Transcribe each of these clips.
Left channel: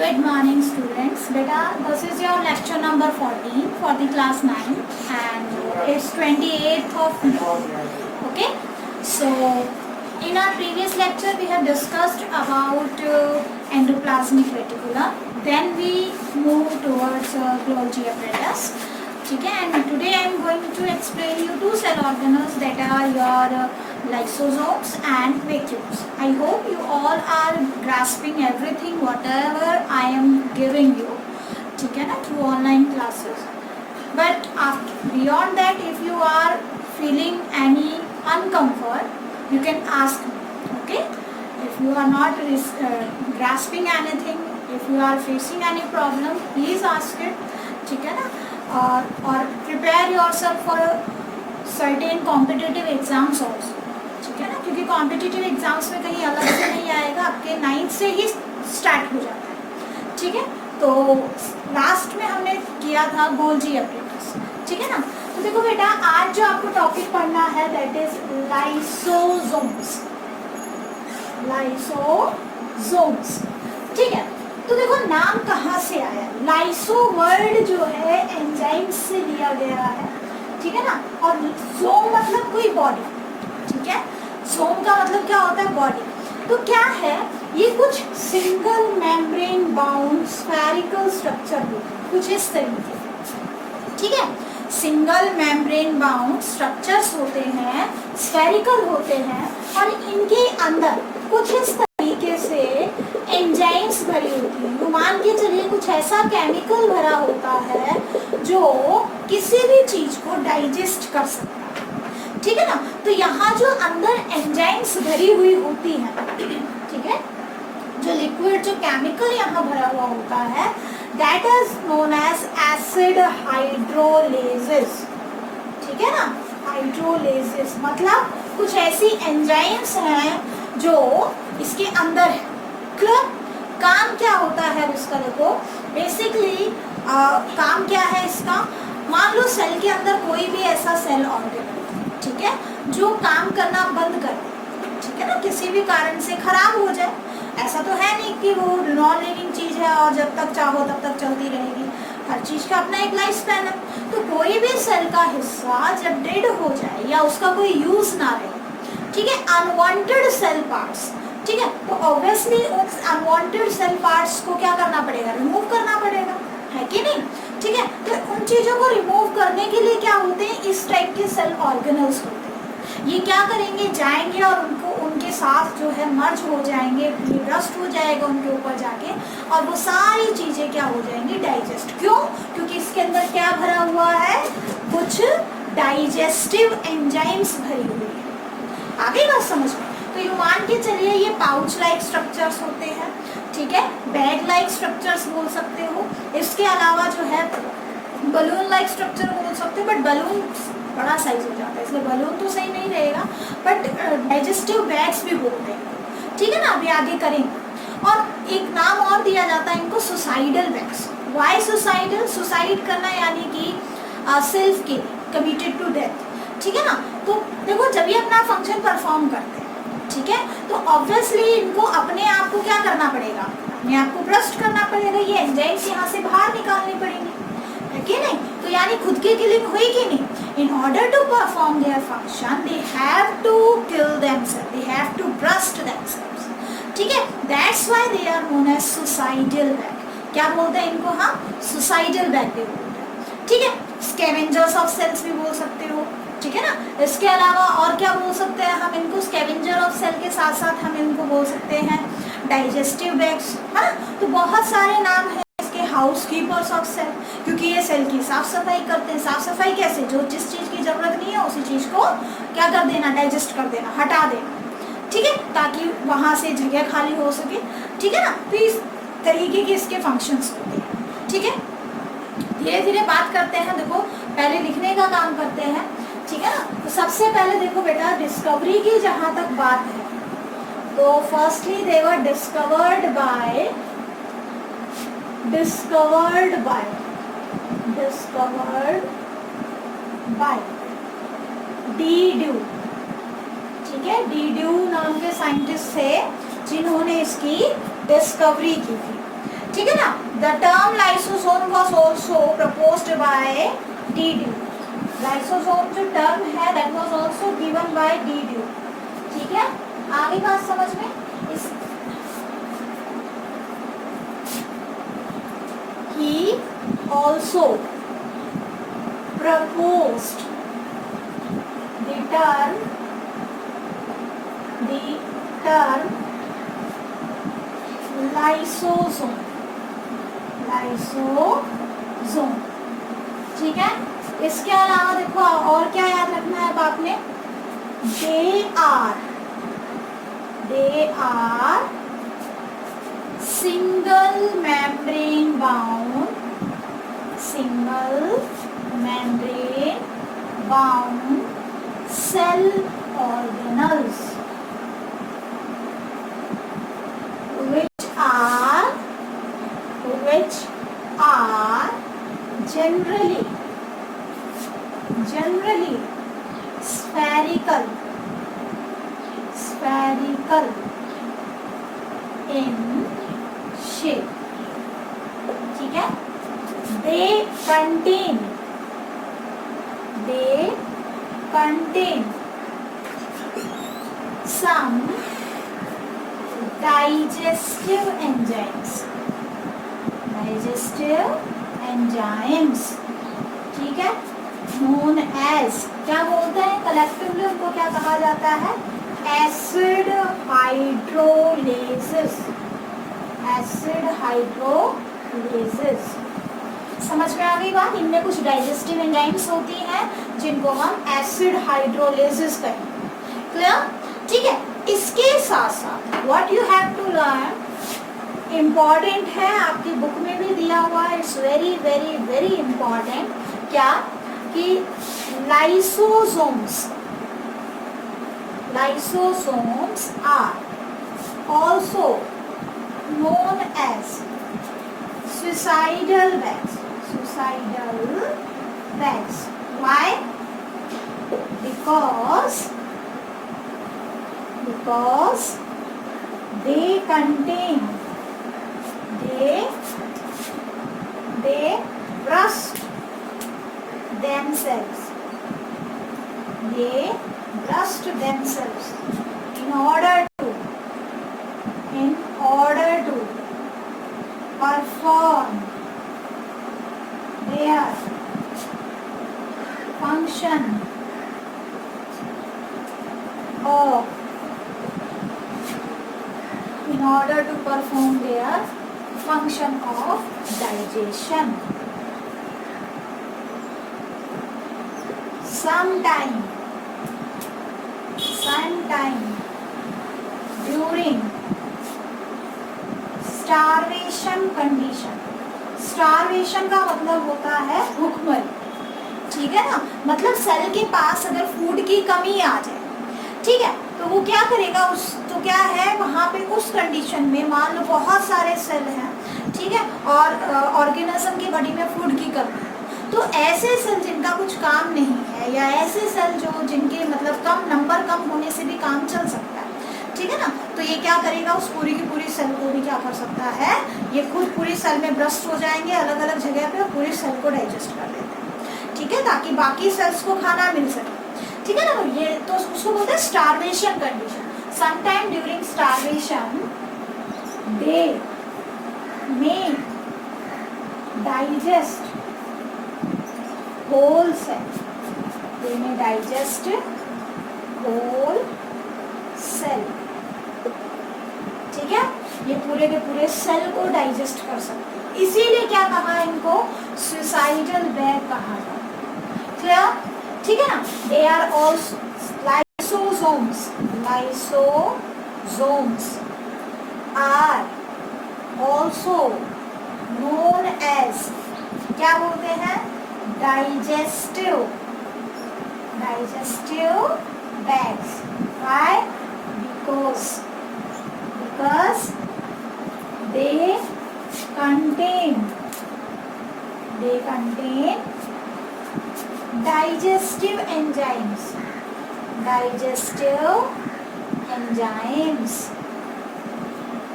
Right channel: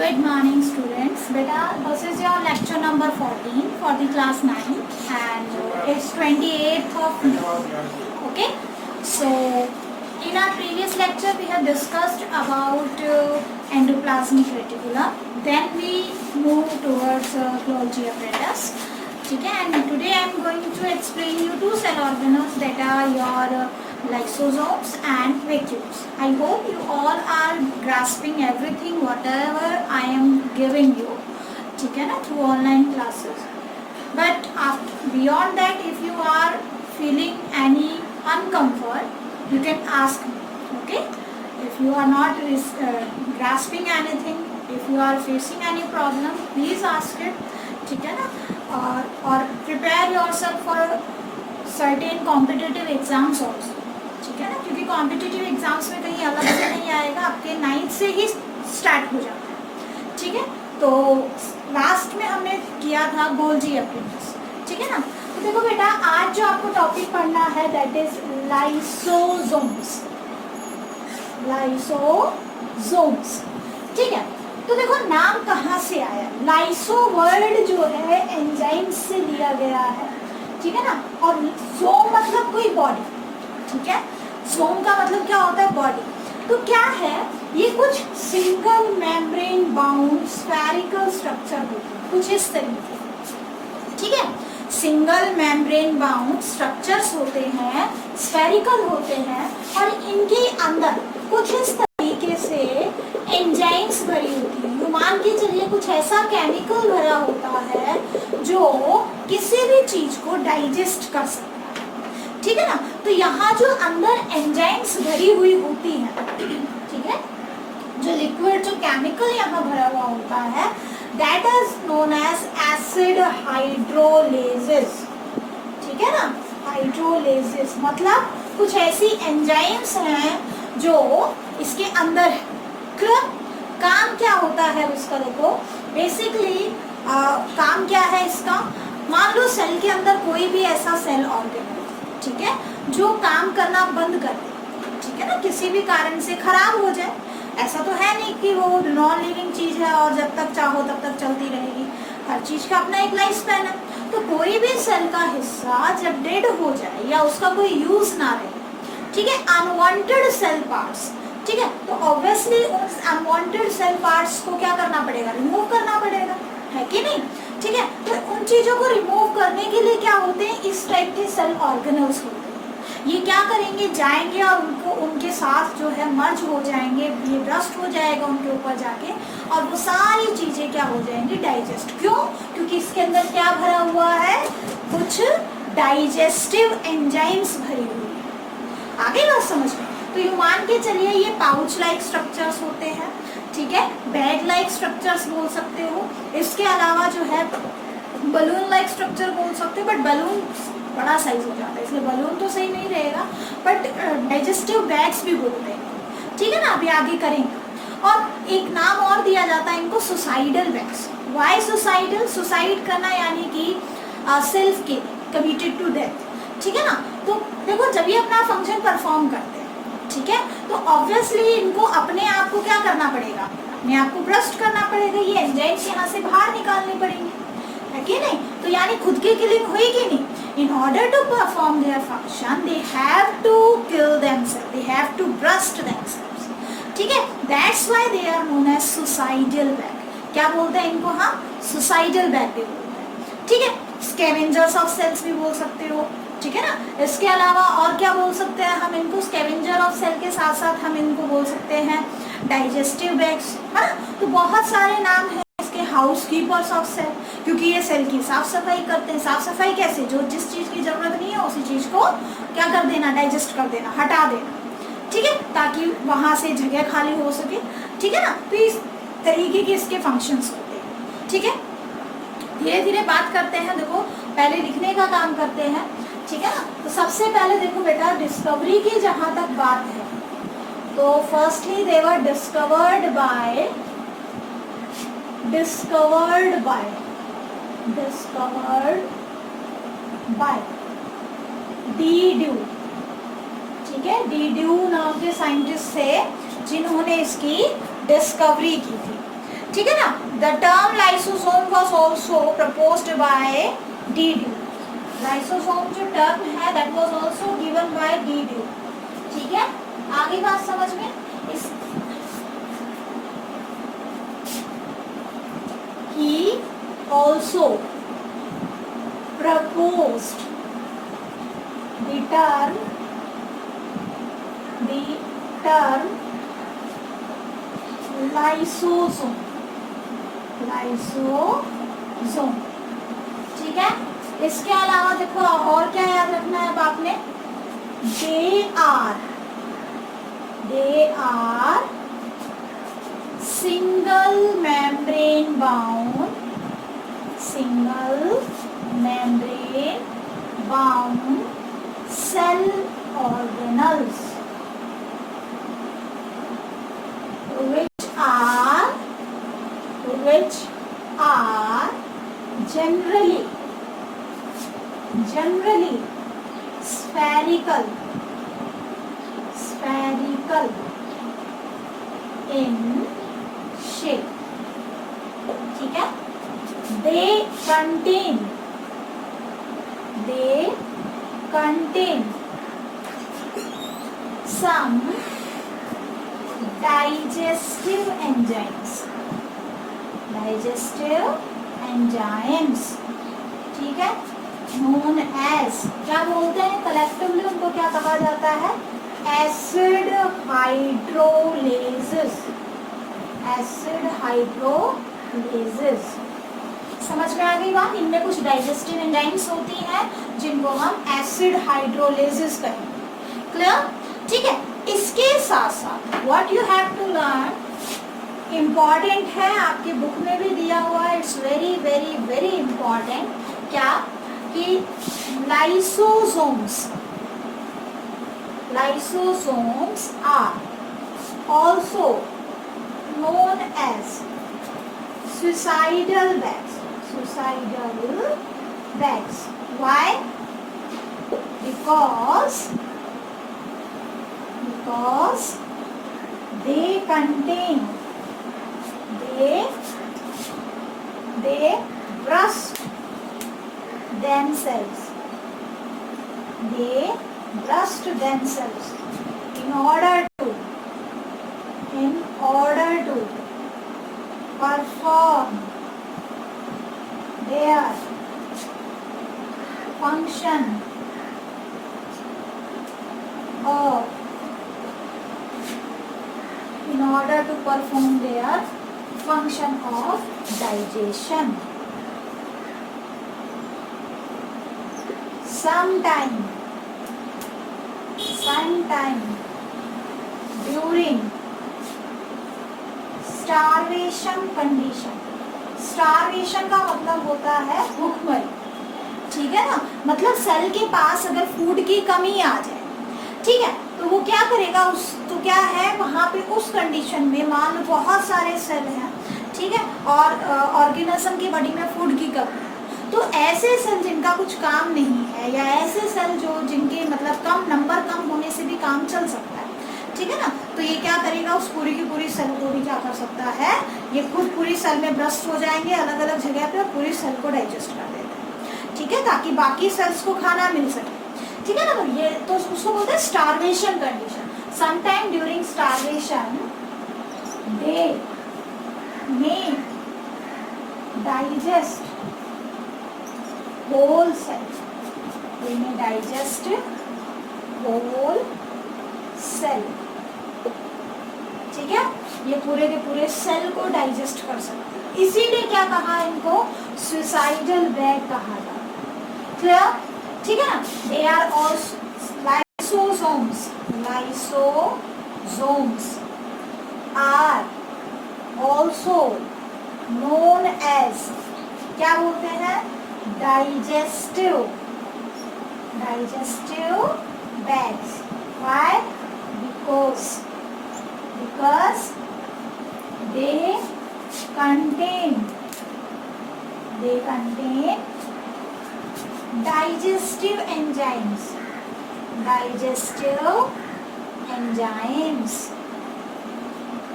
Good morning students. Beta, this is your lecture number 14 for the class 9 and it's 28th of May. Okay. So in our previous lecture we have discussed about endoplasmic reticulum. Then we move towards Golgi apparatus. Okay. And today I am going to explain you two cell organelles that are your lysosomes and vacuoles. I hope you all are grasping everything whatever I am giving you, ठीक है ना, through online classes. But beyond that, if you are feeling any uncomfort, you can ask me. Okay? If you are not grasping anything, if you are facing any problem, please ask it. ठीक है ना? और prepare yourself for certain competitive exams also. ठीक है ना, क्योंकि competitive exams में कहीं अलग से नहीं आएगा, आपके 9th से ही स्टार्ट हो जाता है. ठीक है, तो लास्ट में हमने किया था गोल्जी apparatus. ठीक है ना. तो देखो बेटा, आज जो आपको टॉपिक पढ़ना है दैट इज लाइसोसोम्स. लाइसोसोम्स. ठीक है, तो देखो नाम कहाँ से आया. लाइसो वर्ड जो है एंजाइम से लिया गया है. ठीक है ना. और सोम मतलब कोई बॉडी. ठीक है, सोम का मतलब क्या होता है, बॉडी. तो क्या है ये, कुछ single membrane bound spherical structure होते हैं कुछ इस तरीके से. ठीक है, सिंगल मेम्ब्रेन बाउंड स्ट्रक्चर्स होते हैं, स्फेरिकल होते हैं और इनके अंदर कुछ इस तरीके से एंजाइम्स भरी होती है. तो मान के चलिए कुछ ऐसा केमिकल भरा होता है जो किसी भी चीज को डाइजेस्ट कर सकता है. ठीक है ना. तो यहाँ जो अंदर एंजाइम्स भरी हुई होती है, ठीक है, जो लिक्विड जो केमिकल यहाँ भरा हुआ होता है, that is known as acid hydrolysis. ठीक है ना. हाइड्रोलेसिस मतलब कुछ ऐसी एंजाइम्स हैं जो इसके अंदर है. काम क्या होता है उसका, देखो बेसिकली काम क्या है इसका. मान लो सेल के अंदर कोई भी ऐसा सेल ऑर्गन, ठीक है, जो काम करना बंद कर दे. ठीक है ना, किसी भी कारण से खराब हो जाए. ऐसा तो है नहीं कि वो नॉन लिविंग चीज है और जब तक चाहो तब तक चलती रहेगी. हर चीज का अपना एक लाइफ स्पैन है. तो कोई भी सेल का हिस्सा जब डेड हो जाए या उसका कोई यूज ना रहे, ठीक है, अनवांटेड सेल पार्ट्स, ठीक है, तो ऑब्वियसली उन अनवांटेड सेल पार्ट्स को क्या करना पड़ेगा, रिमूव करना पड़ेगा, है कि नहीं. ठीक है, तो उन चीजों को रिमूव करने के लिए क्या होते हैं, इस टाइप के सेल ऑर्गेनल्स होते हैं. ये क्या करेंगे, जाएंगे और उनको उनके साथ जो है मर्ज हो जाएंगे, ये ब्रस्ट हो जाएगा उनके ऊपर जाके और वो सारी चीजें क्या हो जाएंगी, डाइजेस्ट. क्यों? क्योंकि इसके अंदर क्या भरा हुआ है, कुछ डाइजेस्टिव एंजाइम्स भरी हुई है. आगे बात समझ में. तो ये मान के चलिए ये पाउच लाइक स्ट्रक्चर्स होते हैं. ठीक है, बैग लाइक स्ट्रक्चर्स बोल सकते हो. इसके अलावा जो है बलून लाइक स्ट्रक्चर बोल सकते हो, बट बलून बड़ा साइज हो जाता है इसलिए बलून तो सही नहीं रहेगा, बट डाइजेस्टिव बैग्स भी बोलते हैं. ठीक है ना, अभी आगे करेंगे. और एक नाम और दिया जाता है इनको, suicidal bags. Why suicidal? Suicide करना यानी कि सेल्फ के कमिटेड टू डेथ. ठीक है ना. तो देखो जब ये अपना फंक्शन परफॉर्म करते हैं, ठीक है, तो ऑब्वियसली इनको अपने आप को क्या करना पड़ेगा, अपने आप को ब्रस्ट करना पड़ेगा. ये एंजाइम्स यहाँ से बाहर निकालने पड़ेंगे, है कि नहीं. तो यानी खुद की किलिंग हुई कि नहीं. In order to perform their function, they have to kill themselves. They have to burst themselves. ठीक है. That's why they are known as suicidal bag. क्या बोलते हैं इनको हम, suicidal bag भी बोलते हैं. ठीक है. Scavengers of cells भी बोल सकते हो. ठीक है ना. इसके अलावा और क्या बोल सकते हैं हम इनको, स्कैवेंजर ऑफ सेल के साथ साथ हम इनको बोल सकते हैं डाइजेस्टिव बैग्स, है ना. तो बहुत सारे नाम है इसके. हाउस कीपर्स ऑफ सेल, क्योंकि ये सेल की साफ सफाई करते हैं. साफ सफाई कैसे, जो जिस चीज की जरूरत नहीं है उसी चीज को क्या कर देना, डाइजेस्ट कर देना, हटा देना. ठीक है, ताकि वहां से जगह खाली हो सके. ठीक है ना. तो इस तरीके के इसके फंक्शंस होते हैं. ठीक है, धीरे धीरे बात करते हैं. देखो पहले लिखने का काम करते हैं. ठीक है ना. तो सबसे पहले देखो बेटा, डिस्कवरी की जहां तक बात है तो firstly they were discovered by D due. ठीक है, डी ड्यू नाम के साइंटिस्ट थे जिन्होंने इसकी डिस्कवरी की थी. ठीक है The term lysosome was also proposed by D.D. Lysosome जो term है that was also given by D.D. ठीक है, आगे बात समझ में इस he also proposed the term lysosome, ठीक है। इसके अलावा देखो और क्या याद रखना है अब आपने, they are single membrane bound cell organelles which are generally spherical in shape, ठीक है। they contain some digestive enzymes, ठीक है, known as, क्या बोलते हैं कलेक्टिवली उनको क्या कहा जाता है, एसिड हाइड्रोलेसिस। समझ में आ गई बात, इनमें कुछ डाइजेस्टिव एंजाइम्स होती हैं जिनको हम एसिड हाइड्रोलेसिस कहेंगे, क्लियर, ठीक है। इसके साथ साथ what you have to learn, important है, आपकी बुक में भी दिया हुआ है, it's very very very important, क्या कि lysosomes are also known as suicidal bags. Why? Because they rust themselves in order to perform their function of digestion. Sometime during starvation condition, starvation का मतलब होता है भूखमरी, ठीक है ना, मतलब सेल के पास अगर फूड की कमी आ जाए, ठीक है, तो वो क्या करेगा, तो क्या है वहाँ पे उस कंडीशन में मान लो बहुत सारे सेल हैं, ठीक है, और ऑर्गेनिज्म की बॉडी में फूड की कमी, तो ऐसे सेल जिनका कुछ काम नहीं है या ऐसे सेल जो जिनके मतलब नंबर कम होने से भी काम चल सकता है, ठीक है ना, तो ये क्या करेगा, उस पूरी की पूरी सेल को भी क्या कर सकता है, ये खुद पूरी सेल में ब्रस्ट हो जाएंगे अलग अलग जगह पे और पूरी सेल को डाइजेस्ट कर देते हैं, ठीक है, ताकि बाकी सेल्स को खाना मिल सके, ठीक है ना। तो ये तो उसको बोलते हैं starvation condition. Sometime during starvation they may digest whole cell, ठीक है, ये पूरे के पूरे सेल को डाइजेस्ट कर सकते हैं, इसीलिए क्या कहा इनको, सुसाइडल बैग कहा जाता है, क्लियर, ठीक है ना। They are also lysosomes are also known as, क्या बोलते हैं, digestive bags. Why? Because they contain digestive enzymes,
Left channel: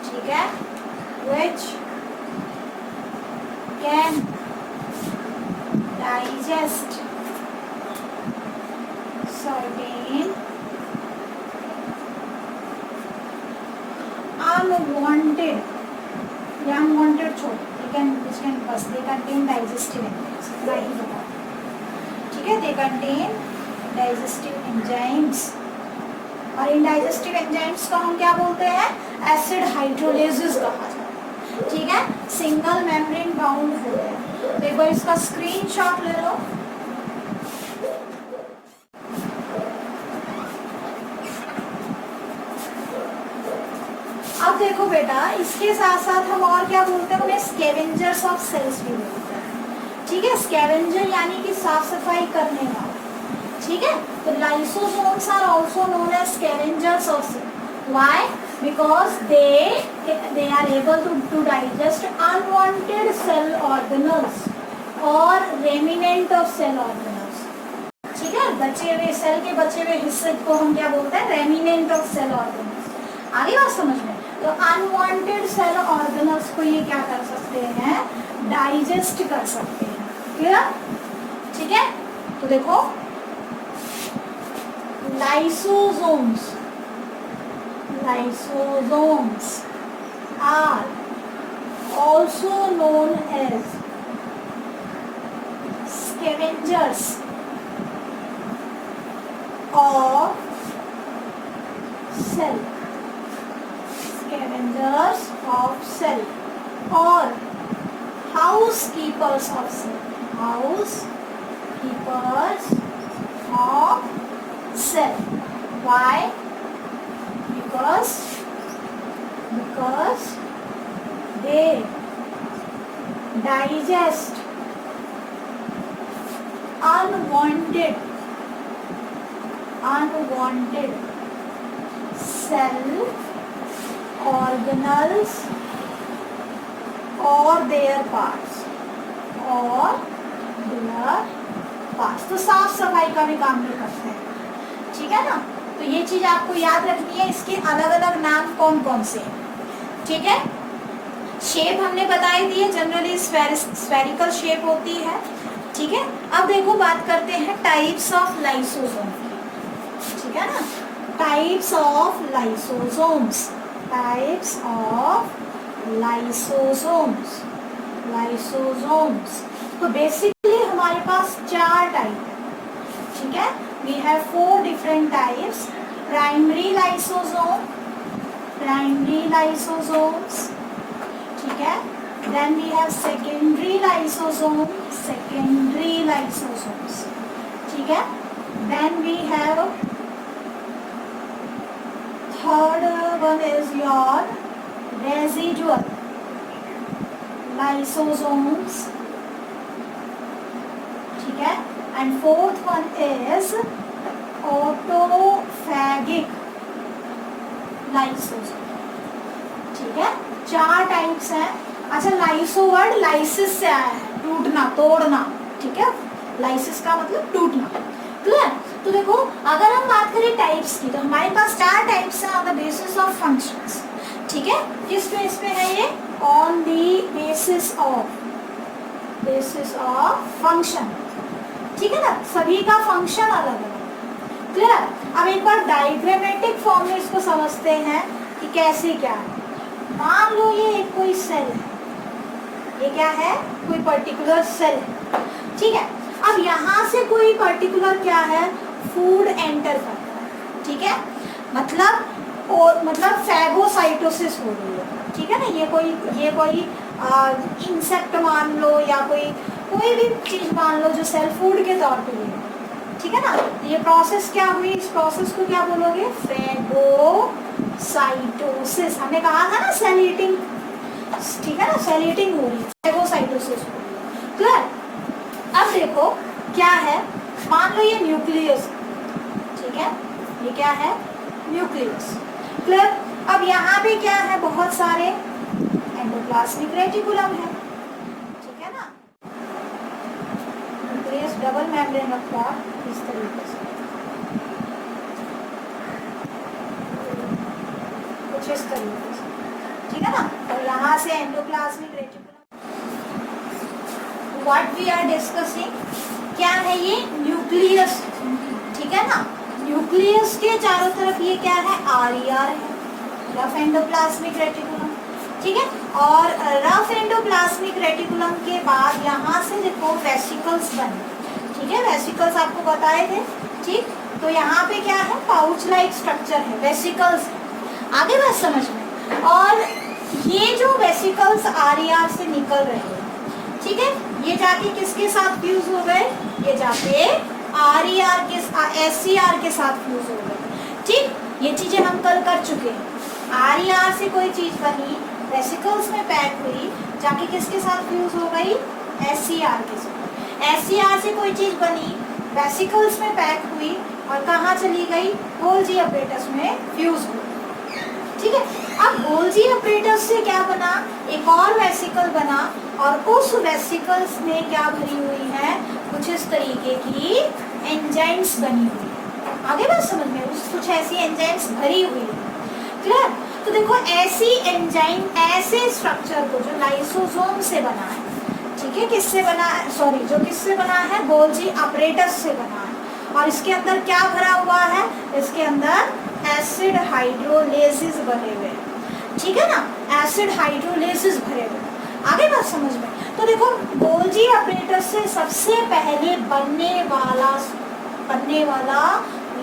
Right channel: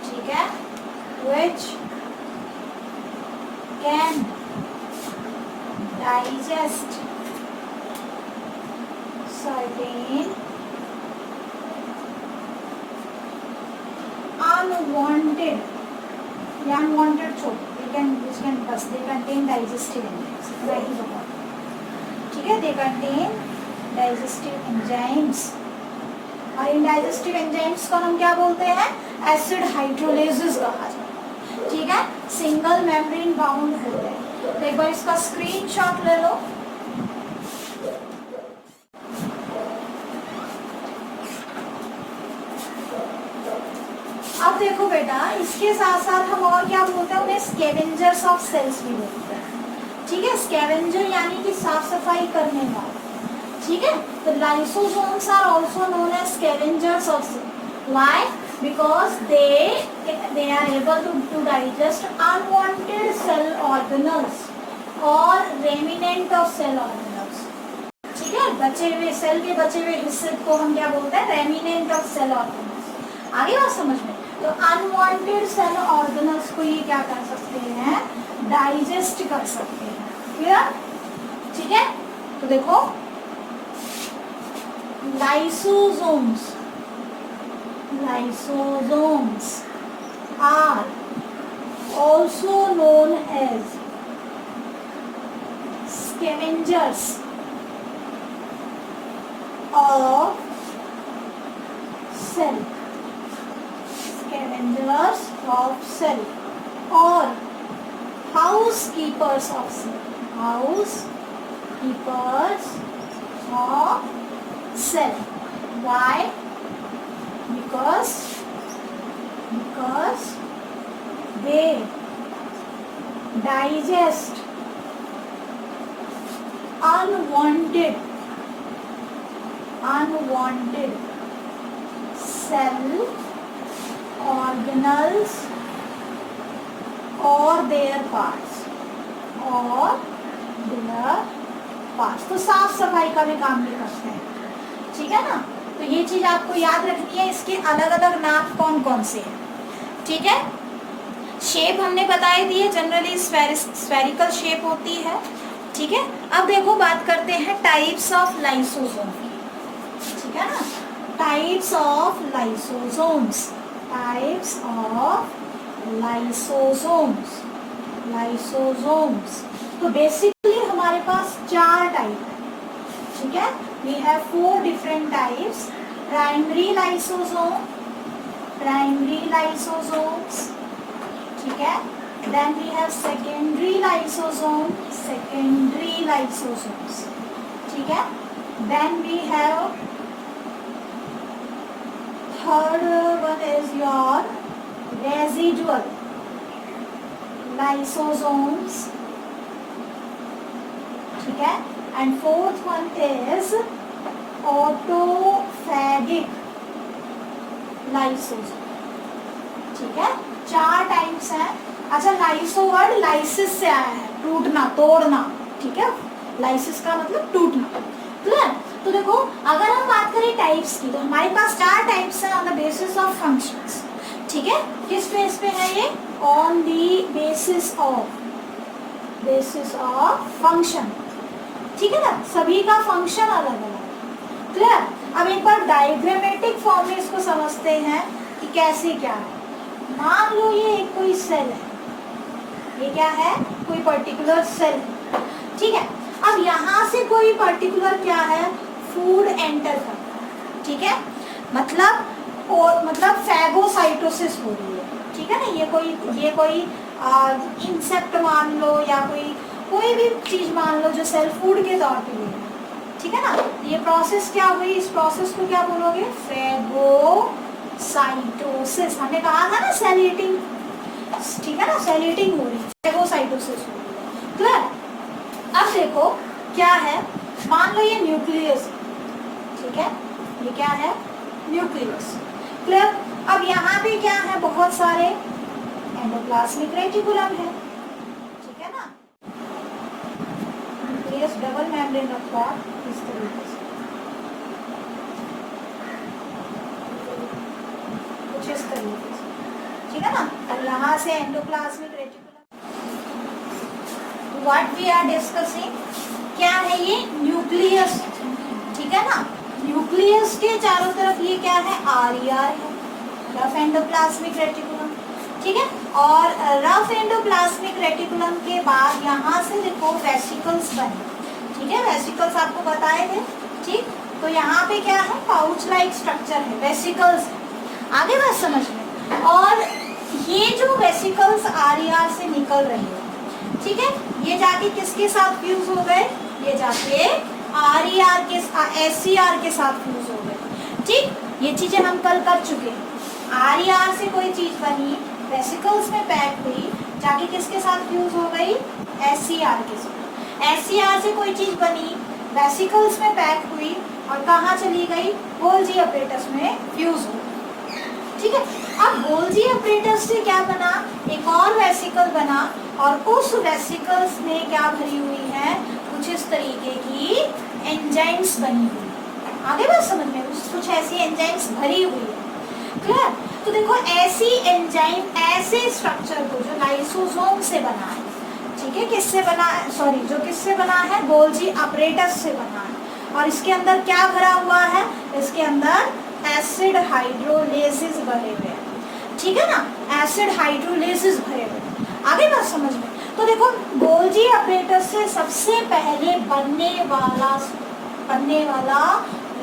ठीक है, which can digest certain unwanted या unwanted छोड़, they can बस they contain digestive enzymes, right ही बता, ठीक है, they contain digestive enzymes, और इन digestive enzymes को हम क्या बोलते हैं, acid hydrolases कहा जाता है, ठीक है, सिंगल मेम्ब्रेन बाउंड होते हैं। तो एक बार इसका स्क्रीनशॉट ले लो। अब देखो बेटा, इसके साथ साथ हम और क्या बोलते हैं, उन्हें स्कैवेंजर्स ऑफ सेल्स भी बोलते हैं, ठीक है, स्कैवेंजर यानी कि साफ सफाई करने वाले, ठीक है। तो lysosomes are also known as scavengers of cell, why, because they are able to digest unwanted cell organelles और रेमिनेंट ऑफ सेल ऑर्गेनल्स, ठीक है, बचे हुए सेल के बचे हुए हिस्से को हम क्या बोलते हैं, रेमिनेंट ऑफ सेल ऑर्गेनल्स। आगे बात समझ में, तो अनवांटेड सेल ऑर्गेनल्स को ये क्या कर सकते हैं, डाइजेस्ट कर सकते हैं, क्लियर, ठीक है। तो देखो, lysosomes are also known as scavengers of cell, scavengers of cell or housekeepers of cell, housekeepers of cell. Why? Because they digest unwanted cell organelles or their parts, तो साफ सफाई का भी काम भी करते हैं, ठीक है ना। तो ये चीज आपको याद रखनी है, इसके अलग अलग नाम कौन कौन से हैं, ठीक है। शेप हमने बताई दी है, जनरली स्फेरिकल शेप होती है, ठीक है। अब देखो बात करते हैं टाइप्स ऑफ लाइसोसोम, ठीक है ना, टाइप्स ऑफ लाइसोसोम्स, तो बेसिकली हमारे पास 4 टाइप है, ठीक है। We have 4 different types, primary lysosomes, ठीक है। Then we have secondary lysosomes, ठीक है। Then we have third one is your residual lysosomes, ठीक है। And fourth one is autophagic lysosome, ठीक है। 4 टाइप्स हैं। अच्छा, लाइसो वर्ड लाइसिस से आया है, टूटना, तोड़ना, ठीक है, लाइसिस का मतलब टूटना, क्लियर। तो देखो, अगर हम बात करें टाइप्स की, तो हमारे पास 4 टाइप्स हैं on the basis of functions, ठीक है। किस बेस पे है ये, on the basis of function, ठीक है ना, सभी का फंक्शन अलग अलग, क्लियर। अब एक बार डायग्रामेटिक फॉर्म में इसको समझते हैं कि कैसे क्या है। मान लो ये एक कोई सेल है, ये क्या है, कोई पर्टिकुलर सेल, ठीक है। अब यहाँ से कोई पर्टिकुलर क्या है, फूड एंटर करता है, ठीक है, मतलब फैगोसाइटोसिस हो रही है, ठीक है ना। ये कोई इंसेक्ट मान लो या कोई भी चीज मान लो जो सेल फूड के तौर पे ले, ठीक है ना। ये प्रोसेस क्या हुई, इस प्रोसेस को क्या बोलोगे, फैगोसाइटोसिस। हमने कहा था ना सेल ईटिंग, ठीक है ना, सेल ईटिंग हो रही है, फैगोसाइटोसिस हो रही है, क्लियर। अब देखो क्या है, मान लो ये न्यूक्लियस, ठीक है, ये क्या है, न्यूक्लियस, क्लियर। अब यहाँ पे क्या है, बहुत सारे एंडोप्लाज्मिक रेटिकुलम है, ठीक है ना। न्यूक्लियस डबल मेम्ब्रेन रखता है इस तरीके से, कुछ इस तरीके से, ठीक है ना। और यहाँ से endoplasmic reticulum, what we are discussing, क्या है ये न्यूक्लियस, ठीक है ना। न्यूक्लियस के चारों तरफ ये क्या है आरईआर है, रफ एंडोप्लाज्मिक रेटिकुलम, ठीक है। और रफ एंडोप्लाज्मिक रेटिकुलम के बाद यहाँ से देखो वेसिकल्स बने, ठीक है। वेसिकल्स आपको बताए थे, ठीक। तो यहाँ पे क्या है पाउच लाइक स्ट्रक्चर है, वेसिकल्स, आगे बात समझ में। और ये जो वेसिकल्स आरईआर से निकल रहे हैं, ठीक है, ये जाके किसके साथ फ्यूज हो गए, ये जाके आरईआर के एससीआर के साथ फ्यूज हो गए, ठीक। ये चीजें हम कल कर चुके हैं। आरईआर से कोई चीज बनी, वेसिकल्स में पैक हुई, जाके किसके साथ फ्यूज हो गई, एससीआर के साथ। एससीआर से कोई चीज बनी, वेसिकल्स में पैक हुई और कहाँ चली गई, गोल्जी अपरेटस में फ्यूज हो गई, ठीक है। अब गोल्जी अपरेटस से क्या बना, एक और वेसिकल बना और उस वेसिकल्स में क्या भरी हुई है, कुछ इस तरीके की एंजाइम्स बनी हुई। आगे बात समझ में, कुछ ऐसी एंजाइम्स भरी हुई है, क्लियर। तो देखो ऐसी एंजाइम, ऐसे स्ट्रक्चर को जो लाइसोसोम से बना है, ठीक है, किससे बना है, सॉरी जो किससे बना है, गोल्जी अपरेटस से बना है। और इसके अंदर क्या भरा हुआ है, इसके अंदर एसिड हाइड्रोलेसिस भरे हुए, ठीक है ना, एसिड हाइड्रोलेसिस भरे हुए। आगे बात समझ में। तो देखो गोल्जी अपरेटस से सबसे पहले बनने वाला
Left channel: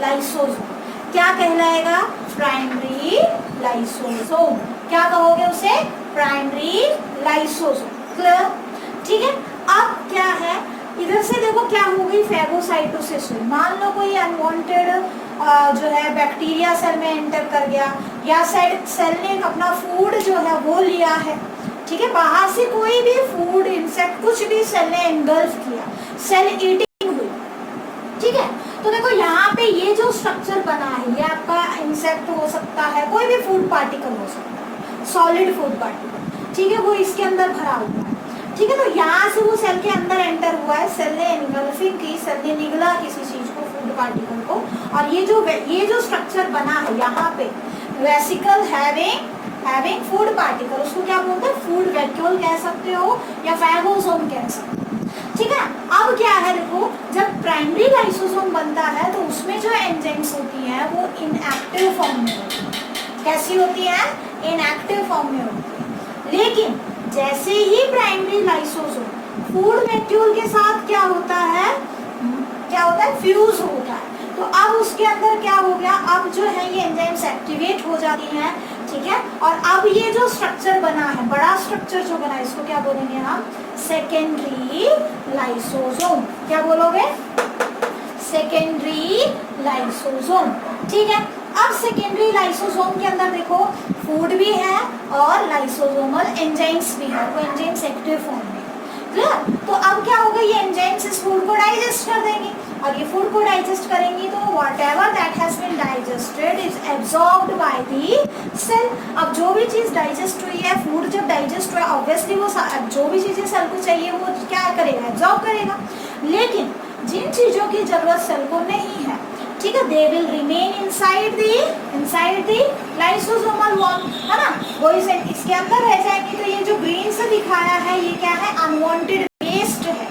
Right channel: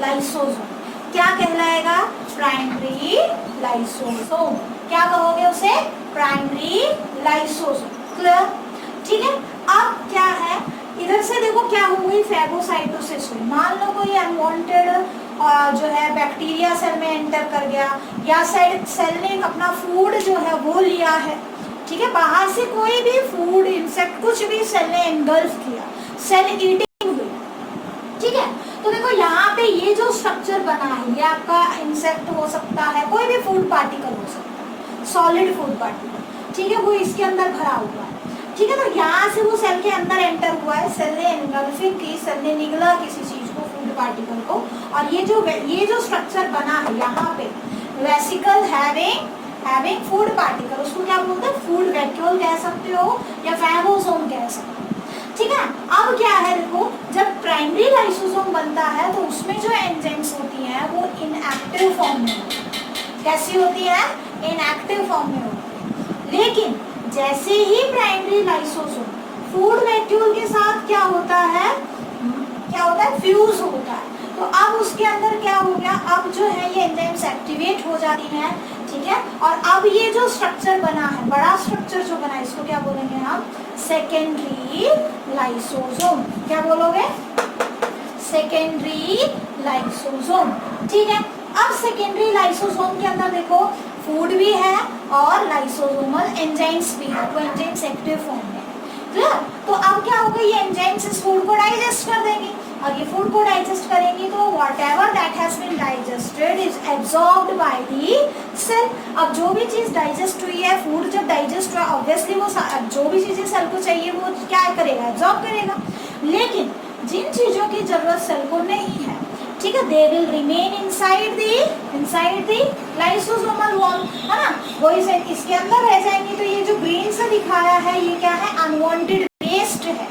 लाइसोसोम क्या कहलाएगा, प्राइमरी लाइसोसोम। क्या कहोगे उसे, प्राइमरी लाइसोसोम, क्लियर, ठीक है। अब क्या है, इधर से देखो क्या हो गई, फैगोसाइटोसिस हुई। मान लो कोई अनवांटेड जो है बैक्टीरिया सेल में एंटर कर गया, या सेल ने अपना फूड जो है वो लिया है, ठीक है। बाहर से कोई भी फूड, इंसेक्ट, कुछ भी सेल ने एंगल्फ किया, सेल ईटिंग हुई, ठीक है। तो देखो यहाँ पे ये जो स्ट्रक्चर बना है, ये आपका इंसेक्ट हो सकता है, कोई भी फूड पार्टिकल हो सकता है, सॉलिड फूड पार्टिकल, ठीक है, वो इसके अंदर भरा हुआ है, ठीक है। तो यहाँ से वो सेल के अंदर एंटर हुआ है, सेल ने एनगल्फिंग की, सेल ने निगला किसी चीज को, फूड पार्टिकल को, और ये जो स्ट्रक्चर बना है यहाँ पे, वेसिकल हैविंग फूड पार्टिकल, उसको क्या बोलते हैं, फूड वैक्यूल कह सकते हो या फैगोसोम कह सकते हो, ठीक है। अब क्या है देखो, जब प्राइमरी लाइसोसोम बनता है तो उसमें जो एंजाइम्स होती हैं वो इनएक्टिव फॉर्म में होती है। कैसी होती है, इनएक्टिव फॉर्म में होती है। लेकिन जैसे ही प्राइमरी लाइसोसोम फूड वैक्यूल के साथ क्या होता है, फ्यूज होता है, तो अब उसके अंदर क्या हो गया, अब जो है ये एंजाइम्स एक्टिवेट हो जाती हैं, ठीक है। और अब ये जो स्ट्रक्चर बना है, बड़ा स्ट्रक्चर जो बना है, इसको क्या बोलेंगे हम, सेकेंडरी लाइसोसोम। क्या बोलोगे, सेकेंडरी लाइसोसोम, ठीक है। अब सेकेंडरी लाइसोसोम के अंदर देखो फूड भी है और लाइसोसोमल एंजाइम्स भी है, वो एंजाइम्स एक्टिव फॉर्म में, क्लियर। तो अब क्या होगा, ये एंजाइम्स इस फूड को डाइजेस्ट कर देंगे, और ये फूड को डाइजेस्ट करेंगी तो whatever that has been digested is absorbed by the cell. अब जो भी चीज डाइजेस्ट हुई है, फूड जब डाइजेस्ट हुआ, ऑब्वियसली वो जो भी चीजें सेल को चाहिए वो क्या करेगा, एब्सॉर्ब करेगा। लेकिन जिन चीजों की जरूरत सेल को नहीं है, ठीक है, they will remain inside the lysosomal wall, है ना, वो इसके अंदर रह जाएंगे। तो ये जो ग्रीन से दिखाया है, ये क्या है, अनवांटेड वेस्ट है,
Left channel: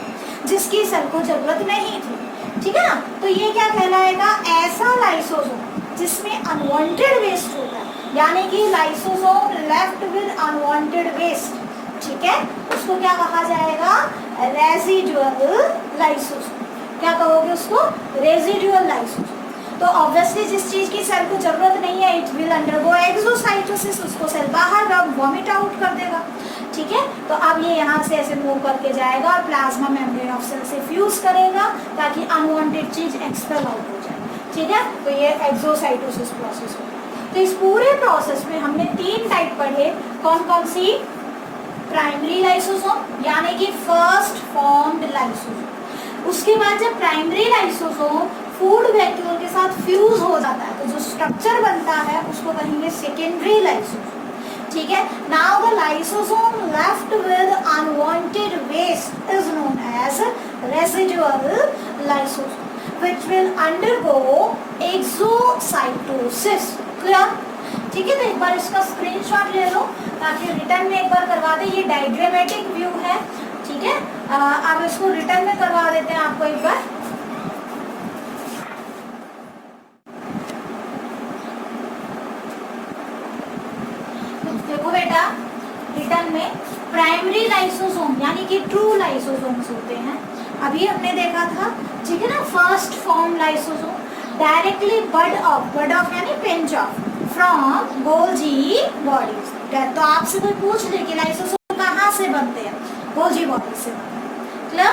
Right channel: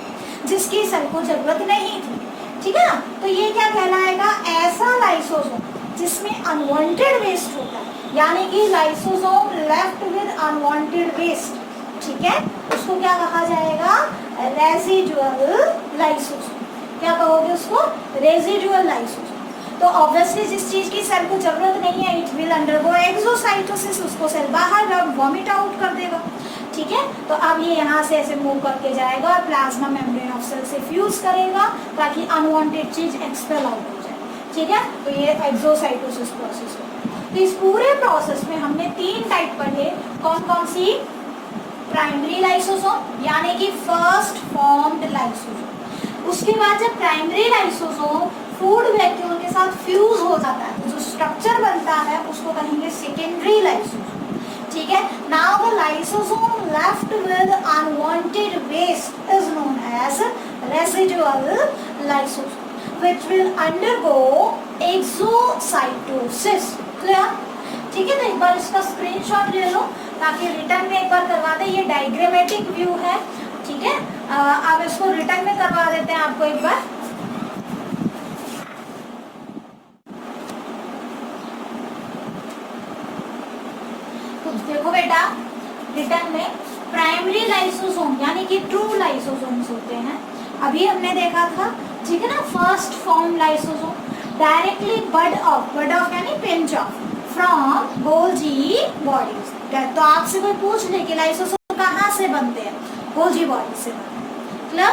जिसकी सेल को जरूरत नहीं थी, ठीक है ना। तो ये क्या कहलाएगा, ऐसा लाइसोसोम जिसमें अनवांटेड वेस्ट होता है, यानी कि lysosome left with unwanted waste, ठीक है, उसको क्या कहा जाएगा, रेजिडुअल लाइसोसोम। क्या कहोगे उसको, रेजिडुअल लाइसोसोम। तो ऑब्वियसली जिस चीज की सेल को जरूरत नहीं है, इट विल अंडरगो एक्सोसाइटोसिस, उसको सेल बाहर वॉमिट आउट कर देगा, ठीक है। तो अब ये यहाँ से ऐसे मूव करके जाएगा और प्लाज्मा मेम्ब्रेन ऑफ सेल से फ्यूज करेगा ताकि अनवांटेड चीज एक्सपेल आउट हो जाए, ठीक है। तो ये एक्सोसाइटोसिस प्रोसेस होगा। तो इस पूरे प्रोसेस में हमने 3 टाइप पढ़े, कौन कौन सी, प्राइमरी लाइसोसोम यानी कि फर्स्ट फॉर्म्ड लाइसोसोम, उसके बाद जब प्राइमरी लाइसोसोम फूड वैक्यूल के साथ फ्यूज हो जाता है तो जो स्ट्रक्चर बनता है उसको कहेंगे सेकेंडरी लाइसोसोम, ठीक है। Now the lysosome left with unwanted waste is known as residual lysosome which will undergo exocytosis, clear, ठीक है। तो एक बार इसका स्क्रीनशॉट ले लो ताकि रिटर्न में एक बार करवा दे। ये डायग्रामेटिक व्यू है, ठीक है। आप इसको रिटर्न में करवा देते हैं आपको एक बार। तो देखो बेटा, रिटर्न में प्राइमरी लाइसोसोम यानी कि ट्रू लाइसोसोम्स होते हैं, अभी हमने देखा था, ठीक है ना। First form lysosome directly bud off यानी pinch off from Golgi bodies. तो आपसे कोई पूछ ले कि लाइसोसोम कहाँ से बनते हैं, गोल्जी बॉडी से बनते हैं,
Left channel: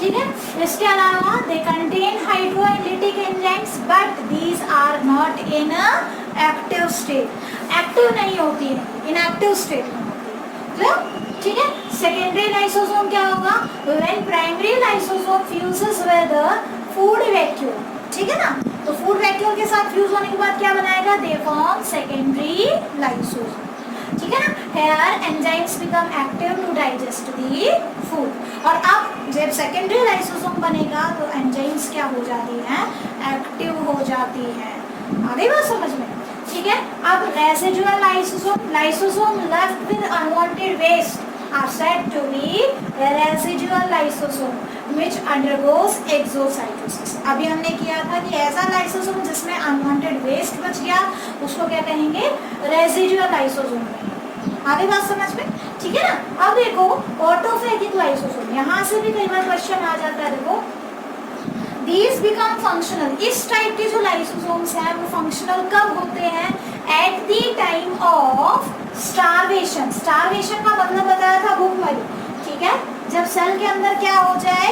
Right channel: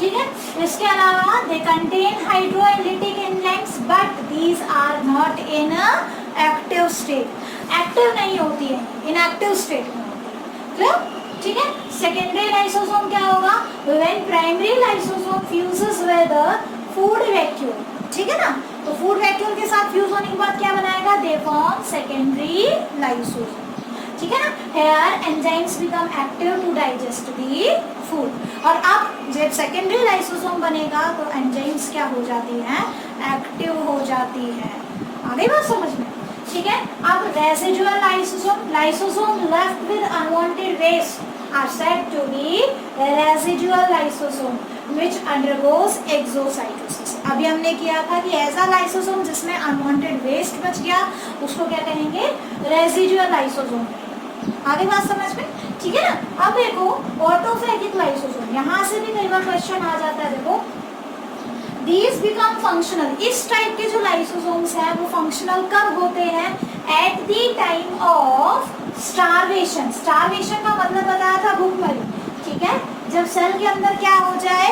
ठीक है। इसके अलावा they contain hydrolytic enzymes but these are not in active state, active नहीं होती है, इनएक्टिव स्टेट में होती है, ठीक है। सेकेंडरी लाइसोसोम क्या होगा, when primary lysosome fuses with food vacuole, ठीक है ना। तो फूड वैक्यूल के साथ फ्यूज होने के बाद क्या बनाएगा, दे फॉर्म सेकेंडरी लाइसोसोम, ठीक है ना। Here enzymes become active to digest the food. और अब जब सेकेंडरी लाइसोसोम बनेगा तो एंजाइम्स क्या हो जाती हैं, एक्टिव हो जाती है। आगे बात समझ में, ठीक है। अब residual lysosome left with unwanted waste are said to be residual lysosome which undergoes exocytosis। अभी हमने किया था कि ऐसा लाइसोसोम जिसमें अनवांटेड वेस्ट बच गया उसको क्या कहेंगे, रेसिडुअल लाइसोसोम। आगे बात समझ में, ठीक है ना। अब देखो ऑटोफेगिक लाइसोसोम, यहाँ से भी कई बार क्वेश्चन आ जाता है। देखो These become functional, इस टाइप के जो लाइसोसोम्स हैं वो फंक्शनल कब होते हैं, eight the time of starvation. Starvation का मतलब बताया था भूखमरी, ठीक है। जब सेल के अंदर क्या हो जाए,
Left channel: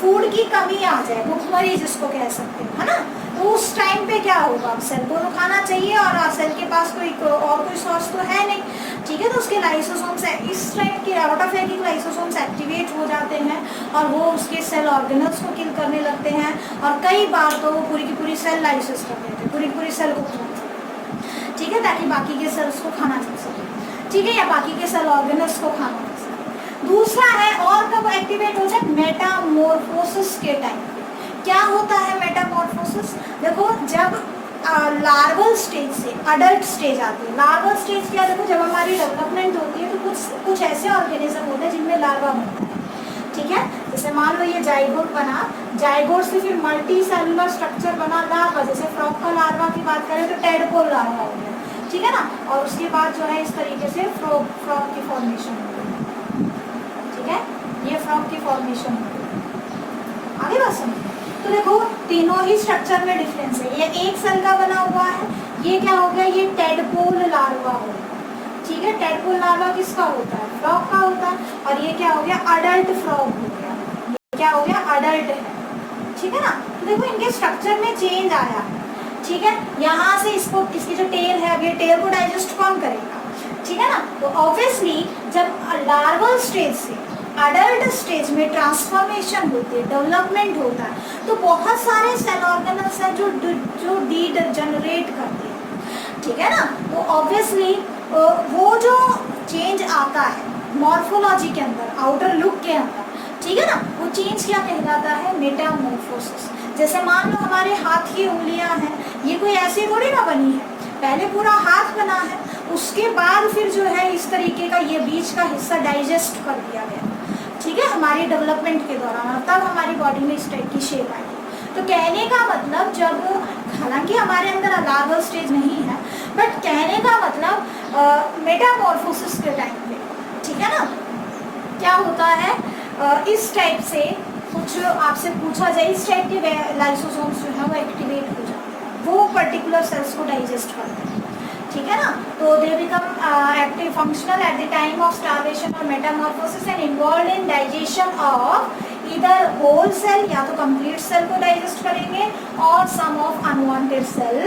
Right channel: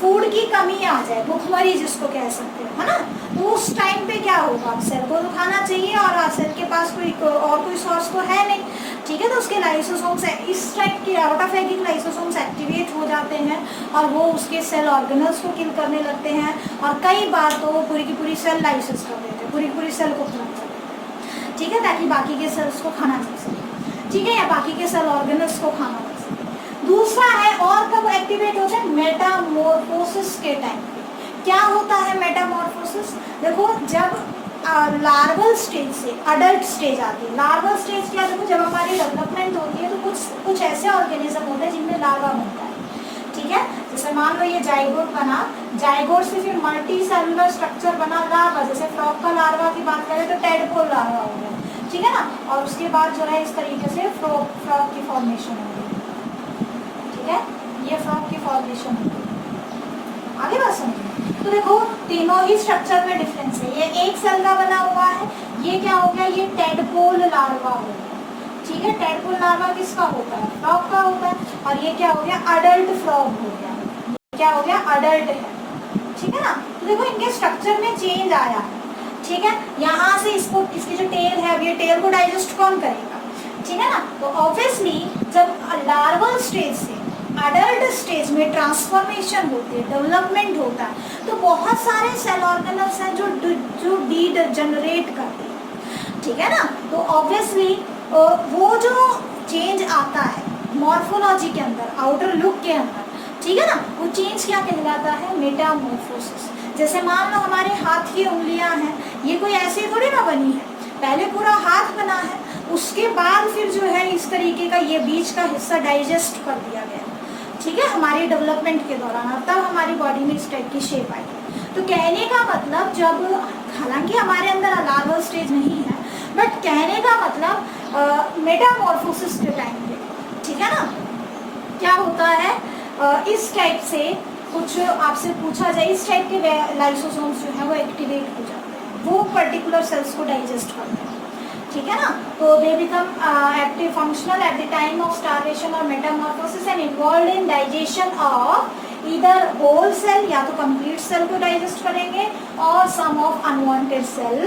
फूड की कमी आ जाए, भूखमरी जिसको कह सकते हो, है ना। तो उस टाइम पे क्या होगा, सेल को खाना चाहिए और सेल के पास कोई सोर्स तो है नहीं, ठीक है। तो उसके लाइसोसोम्स इस टाइप के ऑटोफेगिक लाइसोसोम्स एक्टिवेट हो जाते हैं और वो उसके सेल ऑर्गेनल्स को किल करने लगते हैं और कई बार तो वो पूरी की पूरी सेल लाइसिस कर देते हैं, पूरी पूरी सेल को खत्म कर देते हैं, ठीक है, ताकि बाकी के सेल्स को खाना मिल सके, ठीक है, या बाकी के सेल ऑर्गेनल्स को खाना मिल सके। दूसरा है और कब एक्टिवेट हो जाए, मेटामॉर्फोसिस के टाइम। क्या होता है मेटामॉर्फोसिस, देखो जब लार्वल स्टेज से अडल्ट स्टेज आती है। लार्वल स्टेज क्या, देखो जब हमारी डेवलपमेंट होती है तो कुछ ऐसे ऑर्गेनिज्म होते हैं जिनमें लार्वा बनता है, ठीक है। जैसे मान लो ये जाइगोट बना, जाइगोट से फिर मल्टी सेलुलर स्ट्रक्चर बना लार्वा, जैसे फ्रॉग का लार्वा की बात करें तो टेडपोल लार्वा हो गया, ठीक है ना। और उसके बाद जो है इस तरीके से फ्रॉग की फॉर्मेशन हो गई, ठीक है, ये फ्रॉग की फॉर्मेशन हो गई। आगे बात समझिए। तो देखो तीनों ही स्ट्रक्चर में डिफरेंस है। ये एक सेल का बना हुआ है, ये क्या हो गया, ये टेडपोल लार्वा हो गया, ठीक है। टेडपोल लार्वा किसका होता है, फ्रॉग का होता है। और ये क्या हो गया, अडल्ट फ्रॉग हो गया, ये क्या हो गया, अडल्ट है, ठीक है ना। तो देखो इनके स्ट्रक्चर में चेंज आया है, ठीक है। यहाँ से इसको, इसकी जो टेल है, अब ये टेल को डाइजेस्ट कौन करेगा, ठीक है ना। तो ऑब्वियसली जब लार्वल स्टेज से अडल्ट स्टेज में ट्रांसफॉर्मेशन होती है, डेवलपमेंट होता है, तो बहुत सारे सेल ऑर्गेनल्स हैं जो डीजनरेट करते हैं, ठीक है ना। तो ऑब्वियसली वो जो चेंज आता है मॉर्फोलॉजी के अंदर, आउटर लुक के अंदर, ठीक है ना, वो चेंज क्या कहलाता है, मेटामॉर्फोसिस। जैसे मान लो हमारे हाथ की उंगलियां हैं, ये कोई ऐसे थोड़ी ना बनी है, पहले पूरा हाथ बना है, उसके बाद फिर जो है इस तरीके का ये बीच का हिस्सा डाइजेस्ट कर दिया गया, ठीक है, हमारी डेवलपमेंट के दौरान, तब हमारी बॉडी में इस टाइप की शेप आई। तो कहने का मतलब जब, हालांकि हमारे अंदर लार्वल स्टेज नहीं है, बट कहने का मतलब मेटामॉर्फोसिस के टाइम पे, ठीक है ना, क्या होता है, इस टाइप से कुछ आपसे पूछा जाए, इस टाइप के लाइसोसोम्स जो है वो एक्टिवेट हो जाते हैं, वो पर्टिकुलर सेल्स को डाइजेस्ट करते हैं, ठीक है ना। तो they become active functional at the time of starvation और metamorphosis and involve in digestion of either whole cell, या तो कंप्लीट सेल को डाइजेस्ट करेंगे, और some of unwanted cell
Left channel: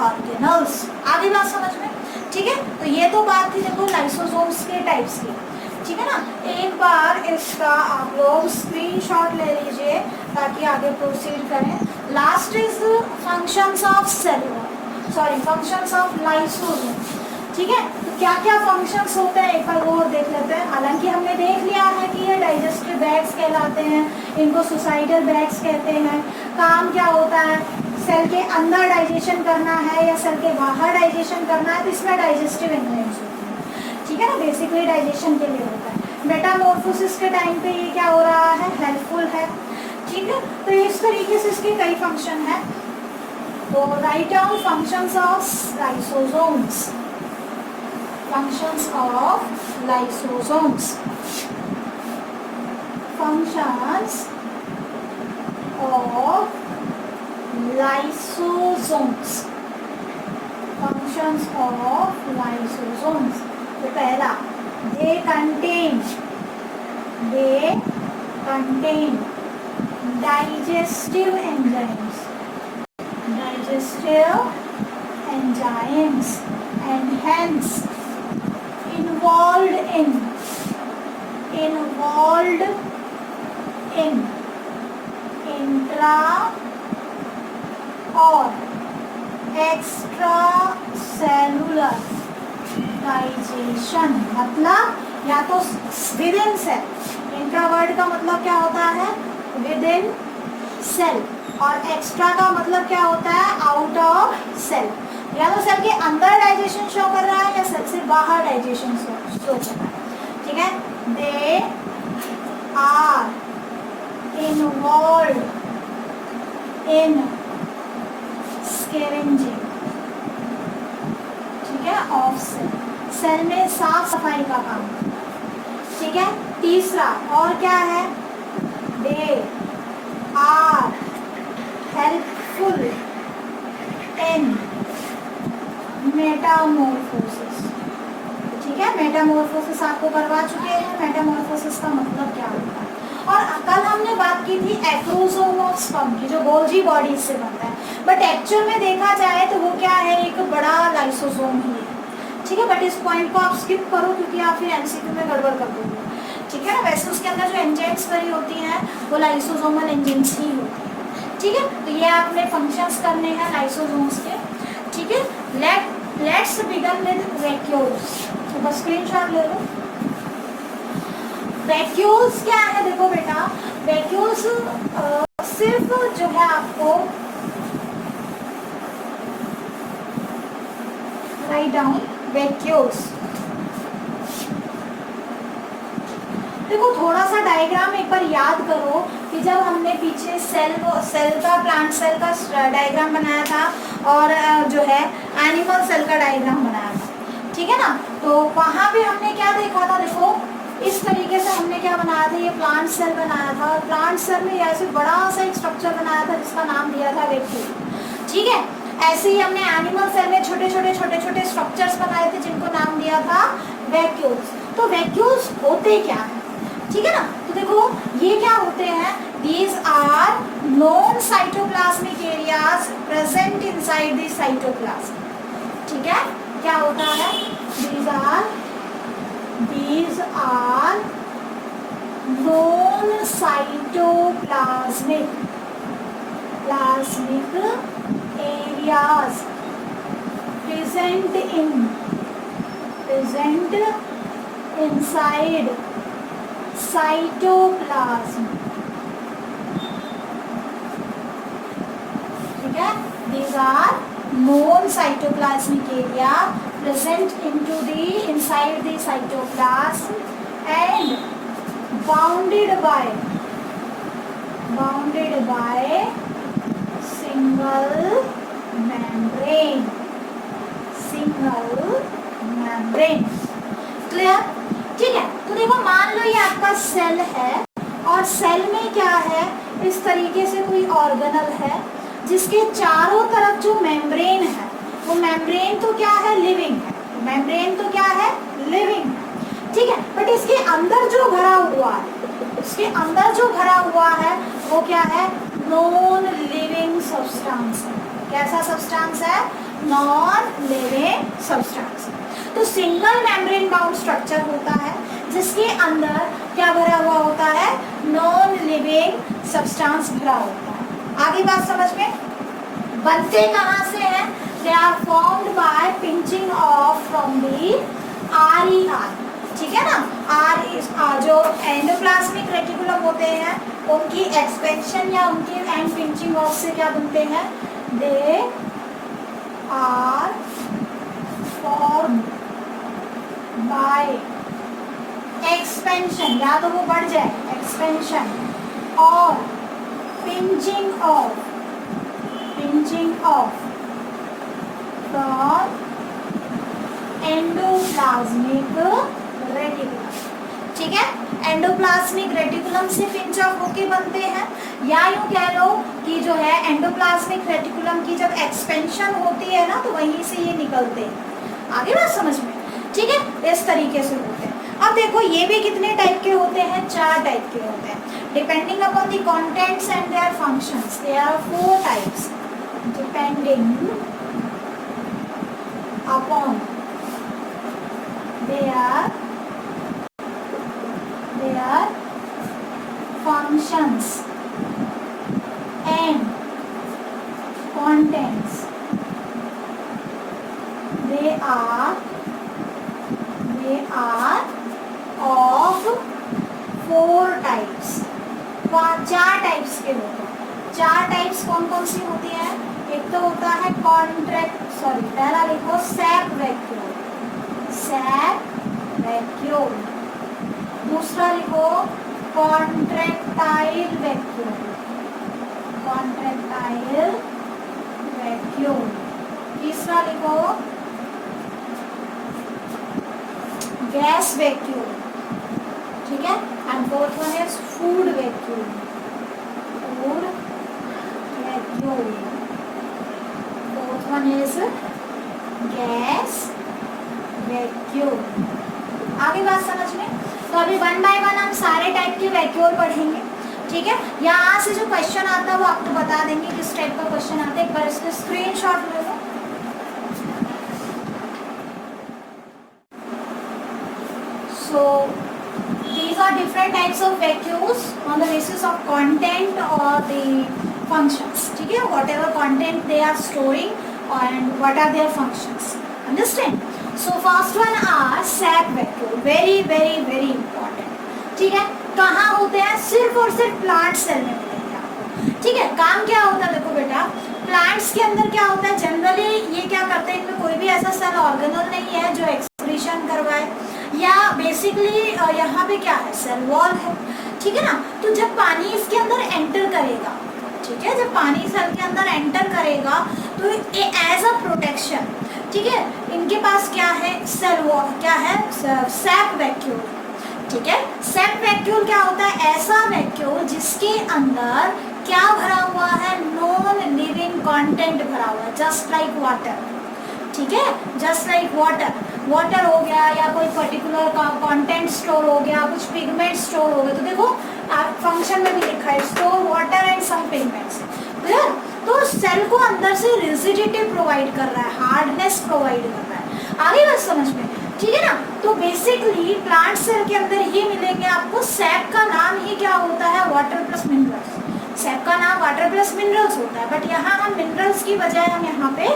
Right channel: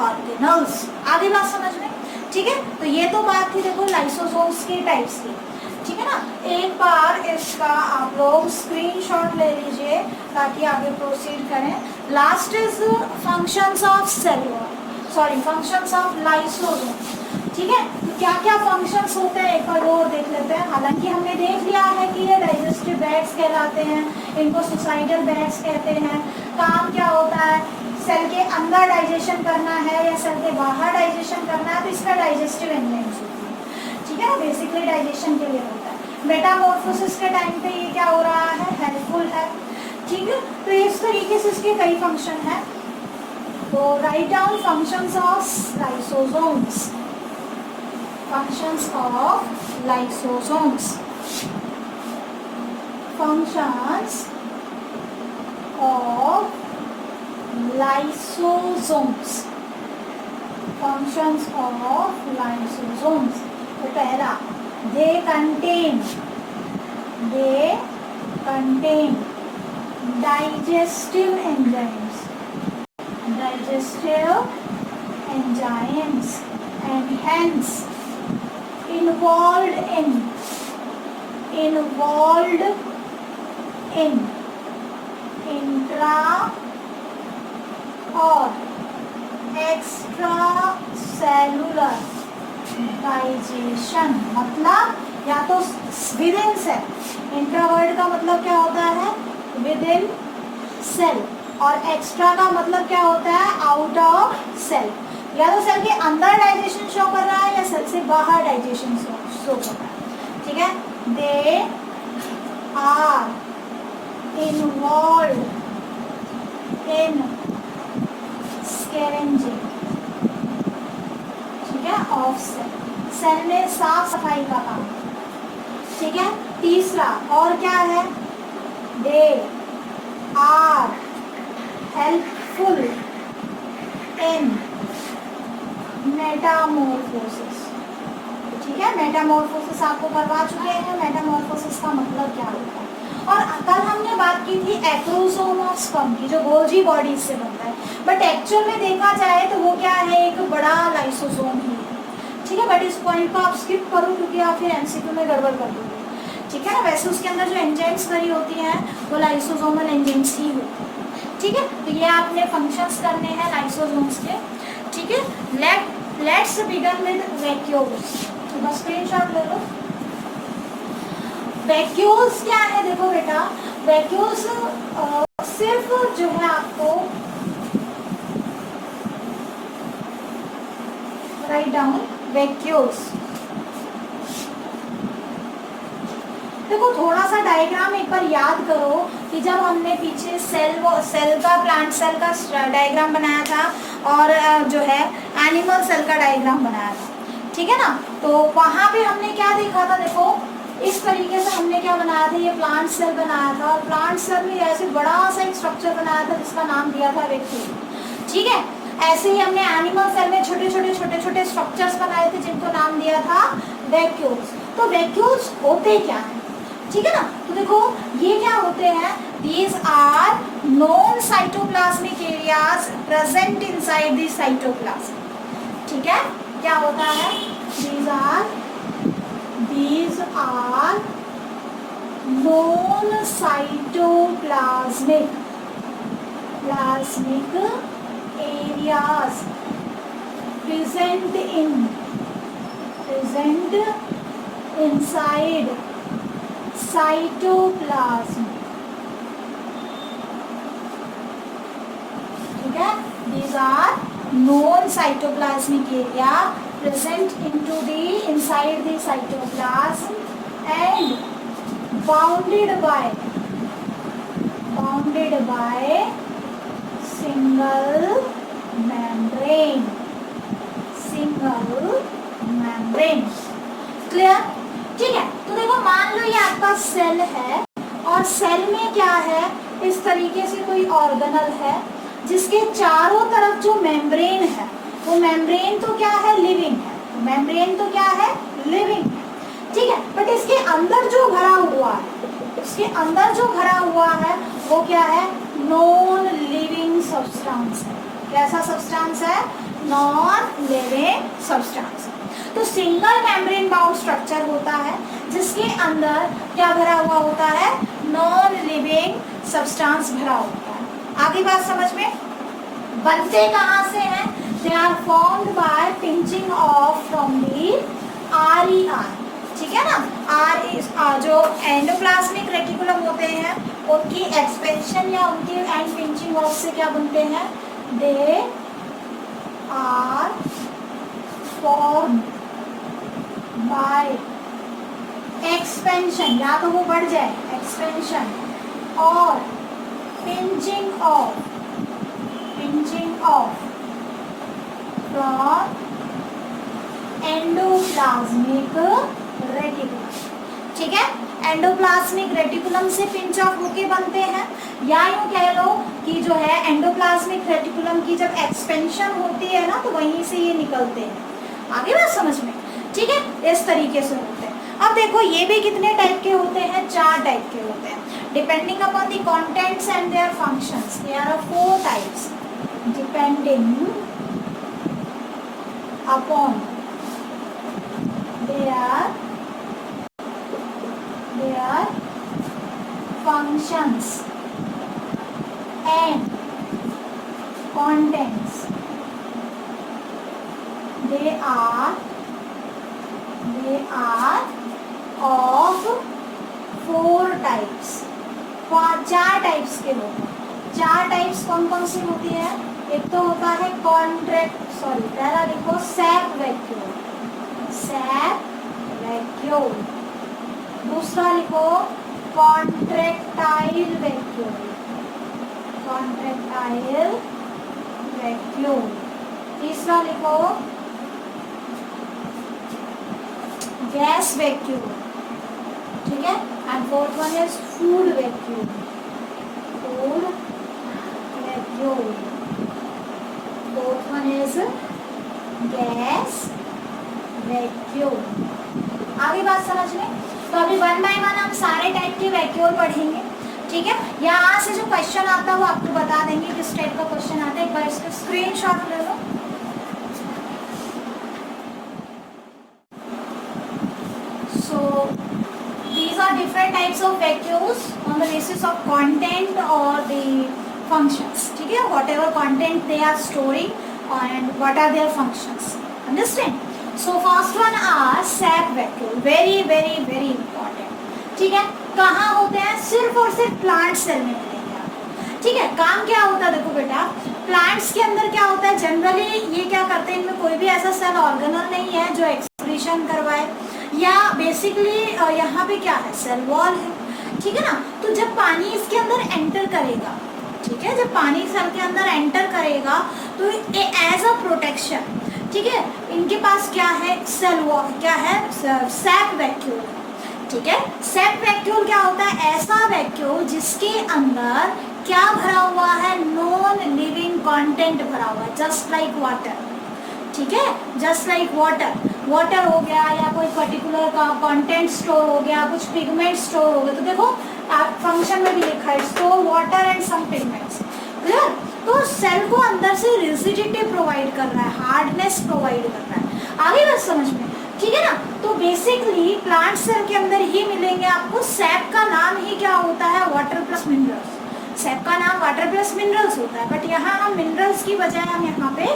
organelles. आगे बात समझ में, ठीक है। तो ये तो बात थी देखो लाइसोसोम्स के टाइप्स की, ठीक है ना। एक बार इसका आप लोग स्क्रीनशॉट ले लीजिए ताकि आगे प्रोसीड करें। Last is functions of cellular, sorry functions of lysosome, ठीक है। तो क्या क्या फंक्शंस होते हैं एक बार और देख लेते हैं। हालांकि हमने देख लिया है कि ये डाइजेस्टिव बैग्स कहलाते हैं, इनको सुसाइडल बैग्स कहते हैं। काम क्या होता है, सेल के अंदर डाइजेशन करना है या सेल के बाहर डाइजेशन करना है, तो इसका डाइजेस्टिव एंजाइम्स होते हैं, ठीक है ना, बेसिकली डाइजेशन के लिए होता है। मेटामॉर्फोसिस के टाइम पे ये क्या हो रहा है, हेल्पफुल है। ठीक है, तो इस तरीके से इसके कई फंक्शन है। तो write down functions of lysosomes, functions of lysosomes, functions of lysosomes, functions of lysosomes। तो पहला, they contain digestive enzymes and hence involved in intra और एक्स्ट्रा सेलुलर डाइजेशन, मतलब या तो विद इन सेल, इंट्रावर्ड का मतलब क्या होता है, विद इन सेल, और एक्स्ट्रा का मतलब क्या होता है, आउट ऑफ सेल। या तो सेल के अंदर डाइजेशन शो कर रहा है या सेल से बाहर डाइजेशन शो कर रहा है। ठीक है, they are involve in scavenging, ठीक है, ऑफ सेल, सेल में साफ सफाई का काम। ठीक है, तीसरा और क्या है, they are helpful in metamorphosis. ठीक है, मेटामॉर्फोसिस आपको करवा चुके हैं, मेटामॉर्फोसिस का मतलब क्या होता है। और कल हमने बात की थी एक्रोसोम ऑफ स्पर्म की, जो गोल्जी बॉडी से बनता है, बट एक्चुअल में देखा जाए तो वो क्या है, एक बड़ा लाइसोसोम ही है। ठीक है, बट इस पॉइंट को आप स्किप करो क्योंकि आप फिर एमसीक्यू में गड़बड़ कर दोगे। ठीक है ना, वैसे उसके अंदर जो एंजाइम्स भरी होती हैं वो लाइसोसोमल एंजाइम्स ही होती हैं। ठीक है, तो ये आपने फंक्शंस करने हैं लाइसोसोम्स के। ठीक है, लेट्स बिगिन विद वैक्यूल्स। तो बस स्क्रीनशॉट ले लो। वैक्यूल्स क्या है, देखो बेटा, वैक्यूल्स सिर्फ जो है आपको राइट डाउन वैक्यूल्स। देखो थोड़ा सा डायग्राम एक बार याद करो कि जब हमने पीछे सेल का प्लांट सेल का डायग्राम बनाया था और जो है एनिमल सेल का डायग्राम बनाया था। ठीक है ना, तो वहां भी हमने क्या देखा था, देखो इस तरीके से हमने क्या बनाया था, ये प्लांट सेल बनाया था, और प्लांट सेल में ऐसे बड़ा सा एक स्ट्रक्चर बनाया था जिसका नाम दिया था वैक्यूल। ठीक है, ऐसे ही हमने एनिमल सेल में छोटे छोटे स्ट्रक्चर्स बनाए थे जिनको नाम दिया था वैक्यूल्स। तो वैक्यूल्स होते क्या है, ठीक है ना, तो देखो ये क्या होते हैं, these are non cytoplasmic areas present inside the cytoplasm. ठीक है, क्या होता है, these are non cytoplasmic areas present inside cytoplasm। ठीक है, these are known cytoplasmic area present inside the cytoplasm and bounded by single membrane। Clear? ठीक है, तो देखो मान लो ये आपका सेल है और सेल में क्या है, इस तरीके से कोई ऑर्गेनल है जिसके चारों तरफ जो मेम्ब्रेन है वो मेम्ब्रेन तो क्या है, लिविंग है, मेम्ब्रेन तो क्या है, लिविंग है। ठीक है, बट इसके अंदर जो भरा हुआ है वो क्या है, नॉन लिविंग सब्सटेंस है। कैसा सब्सटेंस है, नॉन लिविंग सब्सटेंस। तो सिंगल मेम्ब्रेन बाउंड स्ट्रक्चर होता है जिसके अंदर क्या भरा हुआ होता है, नॉन लिविंग सब्सटेंस भरा होता है। आगे बात समझ में, बनते कहाँ से हैं, they are formed by pinching off from the RER। ठीक है ना, जो एंडोप्लाज्मिक रेटिकुलम होते हैं उनकी एक्सपेंशन या उनकी एंड पिंचिंग ऑफ से क्या बनते हैं, they are formed by expansion, या तो वो बढ़ जाए एक्सपेंशन, और pinching off from endoplasmic reticulum. ठीक है, एंडोप्लाज्मिक रेटिकुलम से पिंच ऑफ होके बनते हैं, या यूं कह लो कि जो है एंडोप्लाज्मिक रेटिकुलम की जब एक्सपेंशन होती है ना तो वहीं से ये निकलते हैं। आगे बात समझ में? ठीक है, इस तरीके से होते हैं। अब देखो ये भी कितने टाइप के होते हैं, 4 टाइप के होते हैं। Depending upon the contents and their functions there are 4 types. Depending upon their functions and contents, they are of 4 types। 4 types के होते हैं। 4 टाइप्स कौन कौन सी होती है? एक तो होता है पहला लिखो सैप वैक्यूल, दूसरा लिखो कॉन्ट्रैक्टाइल वैक्यूल, तीसरा लिखो गैस वैक्यूल। ठीक है, and fourth one is food vacuole. Fourth one is gas vacuum. आगे बात समझ में? तो अभी 1 बाय 1 हम सारे टाइप के वैक्यूम पढ़ेंगे। ठीक है, यहाँ से जो क्वेश्चन आता है वो आपको बता देंगे किस टाइप का क्वेश्चन आता है। एक बार इसका स्क्रीनशॉट ले लो। So these are different types of vacuums on the basis of content or the functions. ठीक है, whatever content they are storing and what are their functions. Understand? So first one are sap vacuum, very important। ठीक है, कहाँ होते हैं? सिर्फ और सिर्फ प्लांट सेल में मिलेंगे आपको। ठीक है, काम क्या होता है देखो बेटा, प्लांट्स के अंदर क्या होता है, जनरली ये क्या करते हैं, इनमें कोई भी ऐसा सेल ऑर्गेनल नहीं है जो एक्सक्रीशन करवाए, या बेसिकली यहाँ पे क्या है, सेल वॉल है। ठीक है ना, तो जब पानी इसके अंदर एंटर करेगा, ठीक है, जब पानी सेल के अंदर एंटर करेगा तो एज अ प्रोटेक्शन, ठीक है, इनके पास क्या है, सेल वॉल, क्या है, सैप वैक्यूल। ठीक है, सैप वैक्यूल क्या होता है? ऐसा वैक्यूल जिसके अंदर क्या भरा हुआ है, नॉन लिविंग कंटेंट भरा हुआ है, जस्ट लाइक वाटर। ठीक है, जस्ट लाइक वाटर हो गया, या कोई पर्टिकुलर कंटेंट स्टोर हो गया, कुछ पिगमेंट स्टोर हो गए। तो देखो फंक्शन में भी लिखा है store water and some pigments. तो सेल को अंदर से रिजिडिटी प्रोवाइड कर रहा है, हार्डनेस प्रोवाइड कर रहा है। आगे बात समझ में? ठीक है ना, तो बेसिकली प्लांट सेल के अंदर ही मिलेंगे आपको। सैप का नाम ही क्या होता है, वाटर प्लस मिनरल्स। सैप का नाम वाटर प्लस मिनरल्स होता है, बट यहाँ हम मिनरल्स की बजाय हम यहाँ पे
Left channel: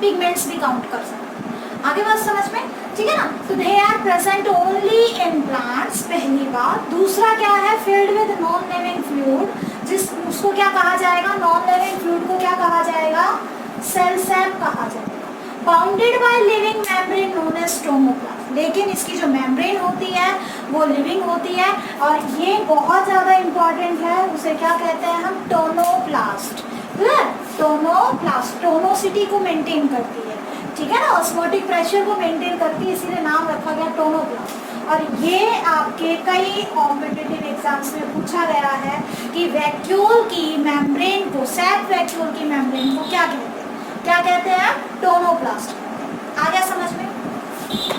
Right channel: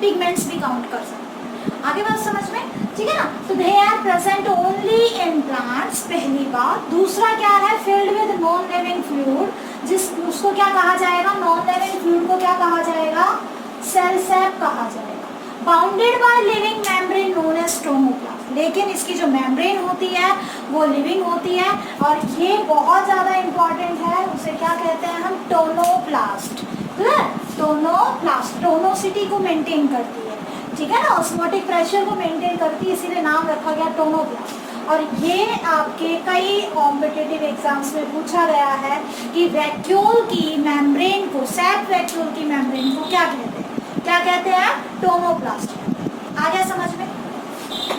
पिगमेंट्स भी काउंट कर सकते हैं। आगे बात समझ में? ठीक है ना, तो they are present only in plants, पहली बात। दूसरा क्या है, filled with non living fluid, उसको क्या कहा जाएगा, नॉन लिविंग फ्लूइड को क्या कहा जाएगा, सेल सैप कहा जाएगा। Bounded by living membrane known as tonoplast, लेकिन इसकी जो मेम्ब्रेन होती है वो लिविंग होती है, और ये बहुत ज्यादा इंपॉर्टेंट है, उसे क्या कहते हैं हम, टोनोप्लास्ट। टोनोप्लास्ट टोनोसिटी को मेंटेन करती है, ठीक है ना, ऑस्मोटिक प्रेशर को मेंटेन करती है, इसीलिए नाम रखा गया टोनोप्लास्ट। और ये आपके कई कॉम्पिटिटिव एग्जाम्स में पूछा गया है कि वैक्यूल की मेम्ब्रेन को, सैप वैक्यूल की मेम्ब्रेन को क्या कहते हैं, क्या कहते हैं, टोनोप्लास्ट। आ गया समझ में?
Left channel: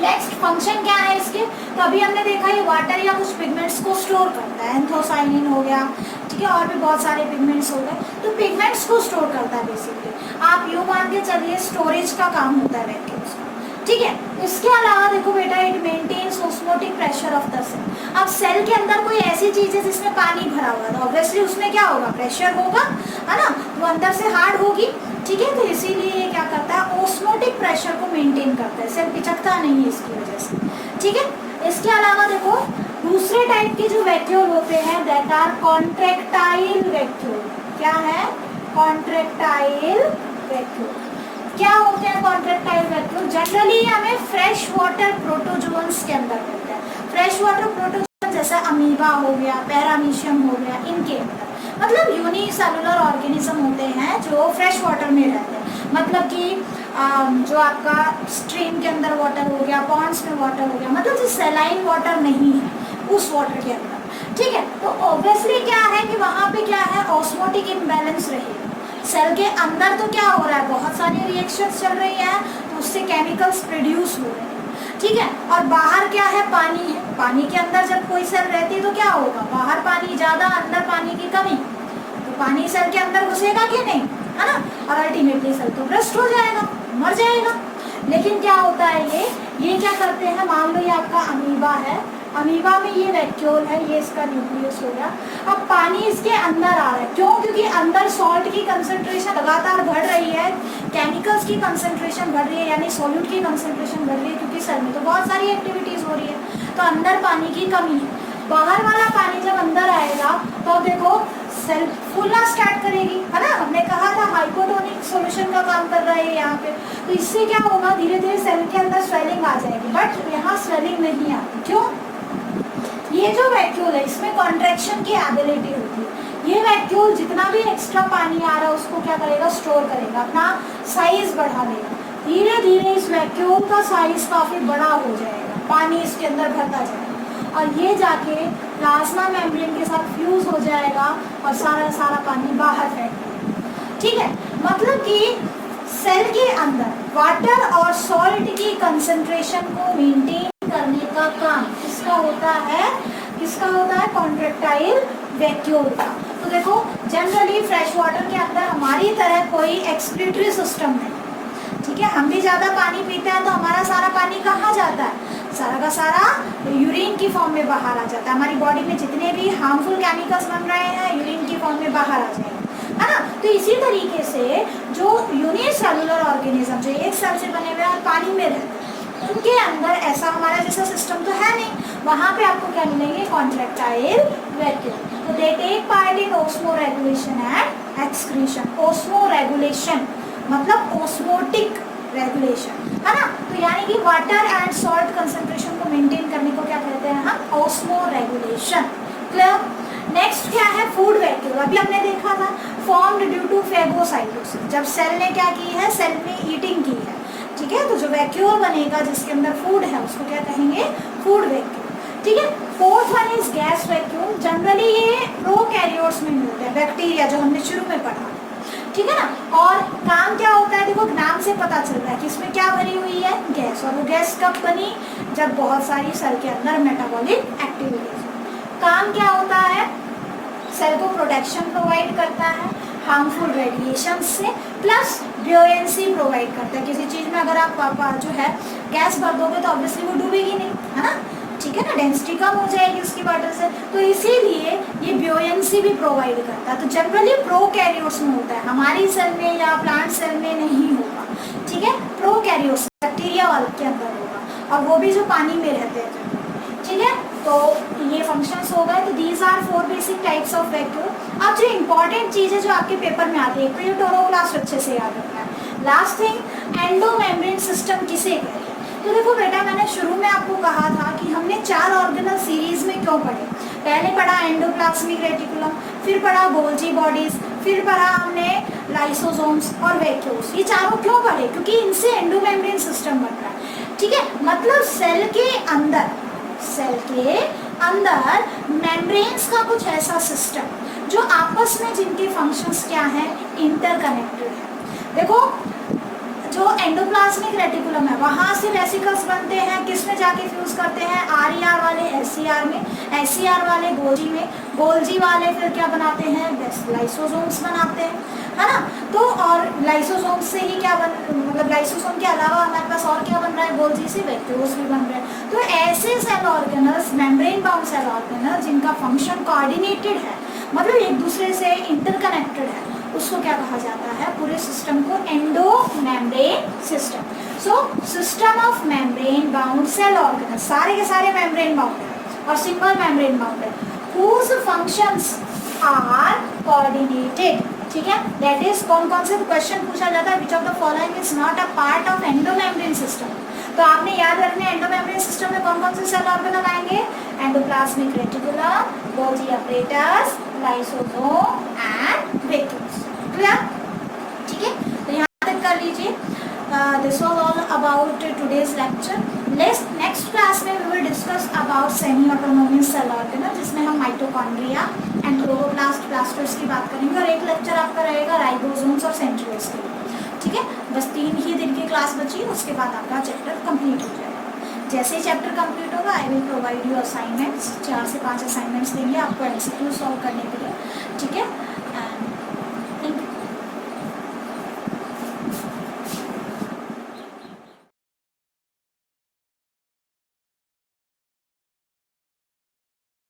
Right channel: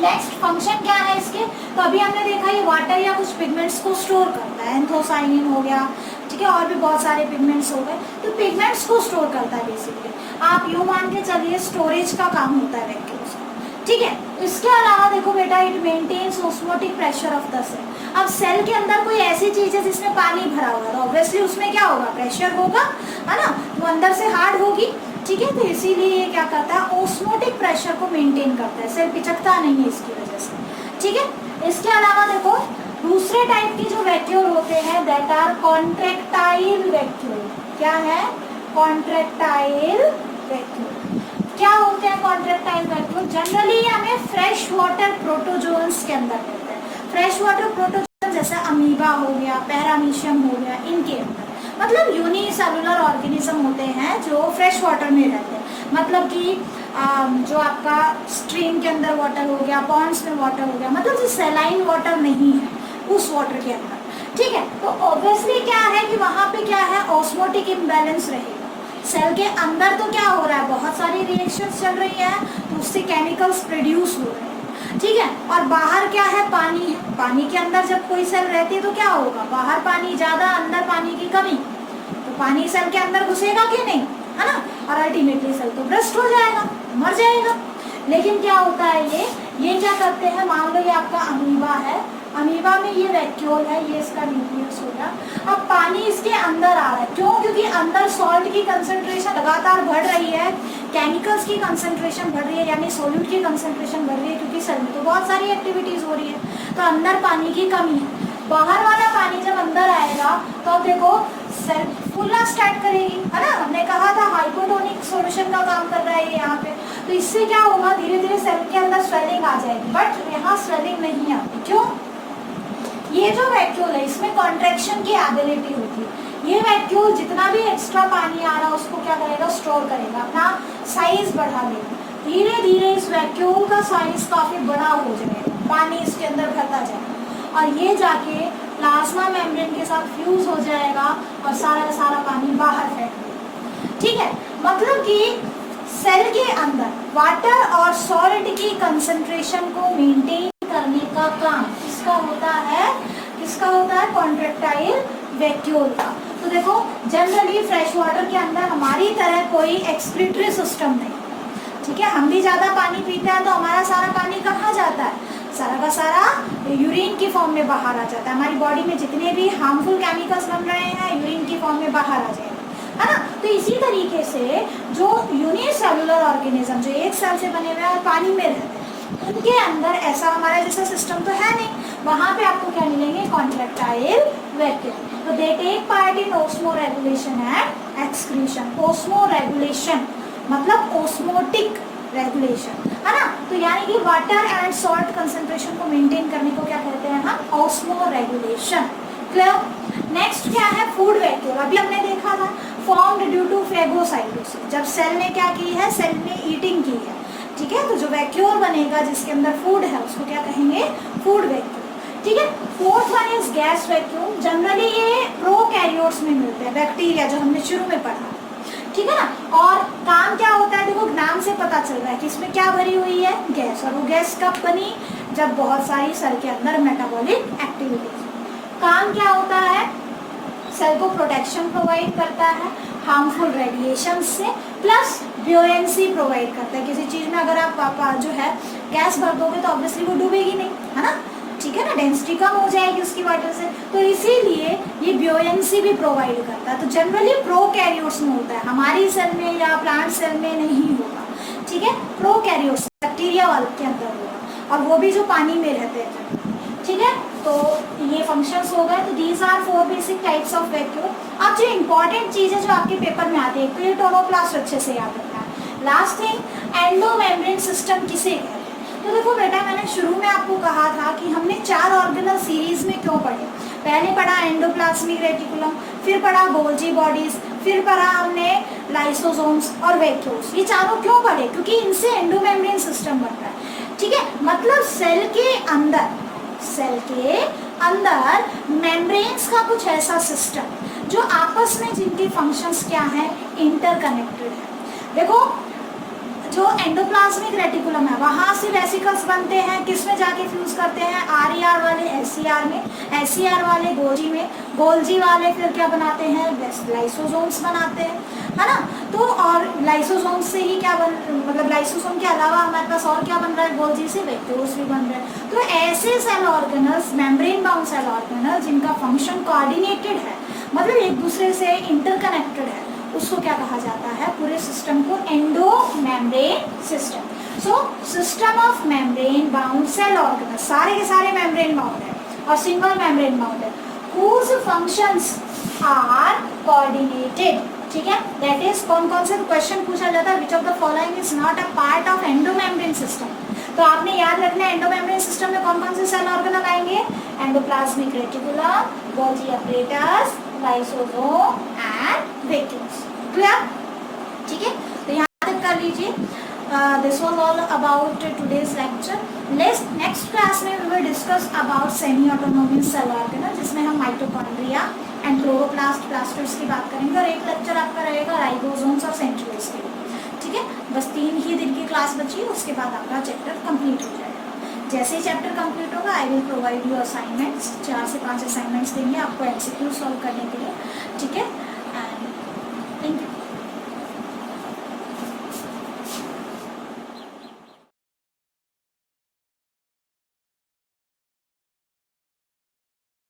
नेक्स्ट फंक्शन क्या है इसके, तो अभी हमने देखा ये वाटर या कुछ पिगमेंट्स को स्टोर करता है, एंथोसाइनिन हो गया, ठीक है, और भी बहुत सारे पिगमेंट्स हो गए, तो पिगमेंट्स को स्टोर करता है बेसिकली। आप यूं मान के चलिए स्टोरेज का काम होता है वैक्यूल्स का, ठीक है। इसके अलावा देखो बेटा, it maintains osmotic pressure of the cell. अब सेल के अंदर कोई ऐसी चीज है जिसमें पानी भरा हुआ है, तो ऑब्वियसली उसमें क्या होगा, प्रेशर होगा, है ना, वो अंदर से हार्ड होगी, ठीक है, तो इसीलिए ये क्या करता है, ऑस्मोटिक प्रेशर को मेंटेन करता है, सेल पिचकता नहीं है इसकी वजह से, ठीक है। इसके अलावा देखो दूसरे टाइप के जो वैक्यूल होते हैं, दैट आर कॉन्ट्रैक्टाइल वैक्यूल। क्या है, कॉन्ट्रैक्टाइल वैक्यूल। क्या होते हैं कॉन्ट्रैक्टाइल वैक्यूल, जनरली हमें फ्रेश वाटर प्रोटोजोन्स के अंदर मिलते हैं। फ्रेश वाटर प्रोटोजोआ जैसे अमीबा हो गया, पैरामीशियम हो गया, इनके अंदर मतलब यूनिसेलुलर ऑर्गेनिज्म होते हैं जो फ्रेश वाटर में रहते हैं, मतलब कि जो आपका स्ट्रीम के अंदर वाटर हो गया, पॉन्ड्स में वाटर हो गया, मतलब जो सेलाइन वाटर नहीं है उस वाटर के अंदर, ठीक है। तो ऑब्वियसली क्या है कि वहाँ पे क्या है, ऑस्मोटिक इम्बैलेंस रहेगा। सेल के अंदर तो क्या हो रहा है, बहुत सारी रिएक्शंस चल रही है, तो उससे केमिकल्स प्रोड्यूस हो रहे हैं, ठीक है। और बाहर क्या है, पानी है। पानी के अंदर जब कोई सेल रहती है तो क्या होगा, बाहर पानी ज्यादा, अंदर पानी की कमी, तो पानी सेल के अंदर घुसेगा कि नहीं, है ना, और अल्टीमेटली सेल तो ब्रस्ट हो जाएगा, मर जाएगा। लेकिन क्या होता है, ये क्या करते हैं, मान लो ये आपका अमीबा है, अमीबा में ये वैक्यूल है, ये इसका न्यूक्लियस हो गया। अब पानी इसके अंदर आ रहा है, क्यों, क्योंकि अंदर सॉल्ट की कंसंट्रेशन लगातार बढ़ रही है, केमिकल्स की कंसंट्रेशन बढ़ रही है, यानी सॉल्यूट की कंसंट्रेशन बढ़ रही है, क्योंकि सेल में तो बहुत सारी एक्टिविटीज हो रही है, तो अंदर पानी की कमी है। बाहर वाला पानी जब अंदर आएगा तो देखो सेल फूलना स्टार्ट करेगी, है ना, हमने कहा था हाइपोटोनिक सॉल्यूशन का काम कर रहा है यहाँ पे। तो इससे क्या होगा, धीरे धीरे सेल के अंदर स्वेलिंग आ जाएगी, बट यहाँ स्वेलिंग नहीं आती, क्यों, ये जो वैक्यूल है इसमें कॉन्ट्रैक्शन की एबिलिटी होती है। ये वैक्यूल जितना भी एक्स्ट्रा पानी आ रहा है उसको क्या करेगा, स्टोर करेगा, अपना साइज बढ़ा देगा। धीरे धीरे इस वैक्यूल का साइज काफी बड़ा हो जाएगा, पानी इसके अंदर भरता जाएगा, और ये जाके प्लाज्मा मेम्ब्रेन के साथ फ्यूज हो जाएगा और सारा पानी बाहर फेंक, ठीक है। मतलब कि सेल के अंदर वाटर और सॉल्ट की कंसंट्रेशन को मेंटेन करने का काम किसका होता है, कॉन्ट्रैक्टाइल वैक्यूल का। तो देखो जनरली फ्रेश वाटर के अंदर हमारी तरह कोई एक्सक्रीटरी सिस्टम नहीं, ठीक है। हम भी ज्यादा पानी पीते हैं तो हमारा सारा पानी कहाँ जाता है, सारा का सारा यूरिन की फॉर्म में बाहर आ जाता है। हमारी बॉडी में जितने भी हार्मफुल केमिकल्स बन रहे हैं यूरिन की फॉर्म में बाहर आ जाएंगे, है ना। तो इसी तरीके से जो यूनिसेलुलर ऑर्गेनिज्म जो एक सेल से बने हुए और पानी में रहते हैं, उनके अंदर ऐसा हमारा जैसा सिस्टम तो है नहीं, वहाँ पे आपको क्या मिलेंगे, कॉन्ट्रैक्टाइल वैक्यूल। तो they take part in osmoregulation and excretion. Osmoregulation मतलब ऑस्मोटिक रेगुलेशन, है ना। तो यानी कि वाटर एंड सॉल्ट कंसंट्रेशन को मेंटेन करने को क्या कहते हैं हम, ऑस्मो रेगुलेशन। क्लियर। नेक्स्ट क्या है, फूड वैक्यूल। अभी हमने देखा था फॉर्म्ड ड्यू टू फेगोसाइटोसिस, जब सेल ने क्या की है, सेल ने ईटिंग की है, ठीक है। तो जो वैक्यूल बनेगा जिसके अंदर फूड है उसको क्या कहेंगे, फूड वैक्यूल, ठीक है। Fourth one is gas vacuole. Generally ये प्रोकैरियोट्स में मिलते हैं, बैक्टीरिया जो हमने शुरू में पढ़ा, ठीक है ना। और काम क्या होता है, देखो नाम से पता चल रहा है कि इसमें क्या भरी हुई है, गैस। और वो गैस कब बनी, जब बहुत सारी सेल के अंदर मेटाबॉलिक एक्टिविटीज। काम क्या होता है, सेल को प्रोटेक्शन प्रोवाइड करता है हार्मफुल रेडिएशन से, प्लस ब्यूएंसी प्रोवाइड करता है। किसी चीज में अगर आप जो है गैस भर दोगे तो ऑब्वियसली वो डूबेगी नहीं, है ना, ठीक है ना, डेंसिटी कम हो जाएगी उसकी वाटर से, तो इसीलिए ये ब्यूएंसी भी प्रोवाइड करता है। तो जनरली प्रोकैरियोट्स में होता है, हमारी सेल में या प्लांट सेल में नहीं होगा, ठीक है। प्रोकैरियोट्स बैक्टीरिया वाले के अंदर होगा, और वो भी जो पानी में रहते हैं, ठीक है। तो ये फंक्शंस हो गए। तो these are 4 basic types of vacuole. अब जो इंपॉर्टेंट चीज है जो आपके पेपर में आती है, तो ये टोरोप्लास्ट अच्छे से याद रखना है। लास्ट थिंग, एंडोमेम्ब्रेन सिस्टम किसे कहते हैं। तो देखो बेटा, मैंने शुरू में आपको कहा था कि हमने 4 ऑर्गेनल सीरीज में क्यों पढ़े। पहले पढ़ा एंडोप्लाज्मिक रेटिकुलम, फिर पढ़ा गोल्जी बॉडीज, फिर पढ़ा हमने लाइसोसोम्स और वैक्यूल्स। ये चारों क्यों पढ़े, क्योंकि इनसे एंडोमेम्ब्रेन सिस्टम बन रहा है, ठीक है। मतलब सेल के अंदर मेम्ब्रेन्स का कुछ ऐसा सिस्टम जो आपस में जिनकी फंक्शंस क्या है, इंटरकनेक्टेड है। देखो जो एंडोप्लाज्मिक रेटिकुलम है वहां से वेसिकल्स बनते हैं, किसमें जाके फ्यूज करते हैं, आरईआर वाले एससीआर में, एससीआर वाले गोल्जी में, गोल्जी वाले फिर क्या बनाते हैं, लाइसोसोम्स बनाते हैं, है ना। तो और लाइसोसोम से ही क्या मतलब लाइसोसोम के अलावा हमारे पास और क्या बन रहा है, गोल्जी से वैक्यूल्स भी बन रहे हैं। तो ऐसे cell organelles, membrane bound cell organelles जिनका फंक्शन कोऑर्डिनेटेड है, मतलब एक दूसरे से इंटरकनेक्टेड है, उसको क्या कहा जाता है, पूरे सिस्टम को endomembrane system. So system of membrane bound cell organelle, सारे के सारे मेम्ब्रेन बाउंड है और सिंगल मेम्ब्रेन बाउंड है, whose functions are coordinated, ठीक है। दैट इज कौन कौन से क्वेश्चन पूछा जाता है, which of the following is not a part of endomembrane system. तो आपने याद रखना है एंडोमेम्ब्रेन सिस्टम में कौन कौन से सेल ऑर्गेनल आएंगे, endoplasmic reticulum, Golgi apparatus, lysosome and vesicles. Clear? ठीक है, तो यहाँ तक कर लीजिए। This was all about today's lecture. Next class में we will discuss about semi autonomous cell organelle, जिसमें हम माइटोकॉन्ड्रिया एंड क्लोरोप्लास्ट प्लास्टर्स की बात करेंगे, और एक लेक्चर आपका रहेगा राइबोसोम्स और सेंट्रियोल्स के लिए। ठीक है, बस 3 ही दिन की क्लास बची, उसके बाद आपका चैप्टर कंप्लीट हो जाएगा। जैसे ही चैप्टर कंप्लीट होगा I will provide you assignments, 4 से 5 असाइनमेंट्स देंगे आपको एमसीक्यू सॉल्व करने के लिए। ठीक है,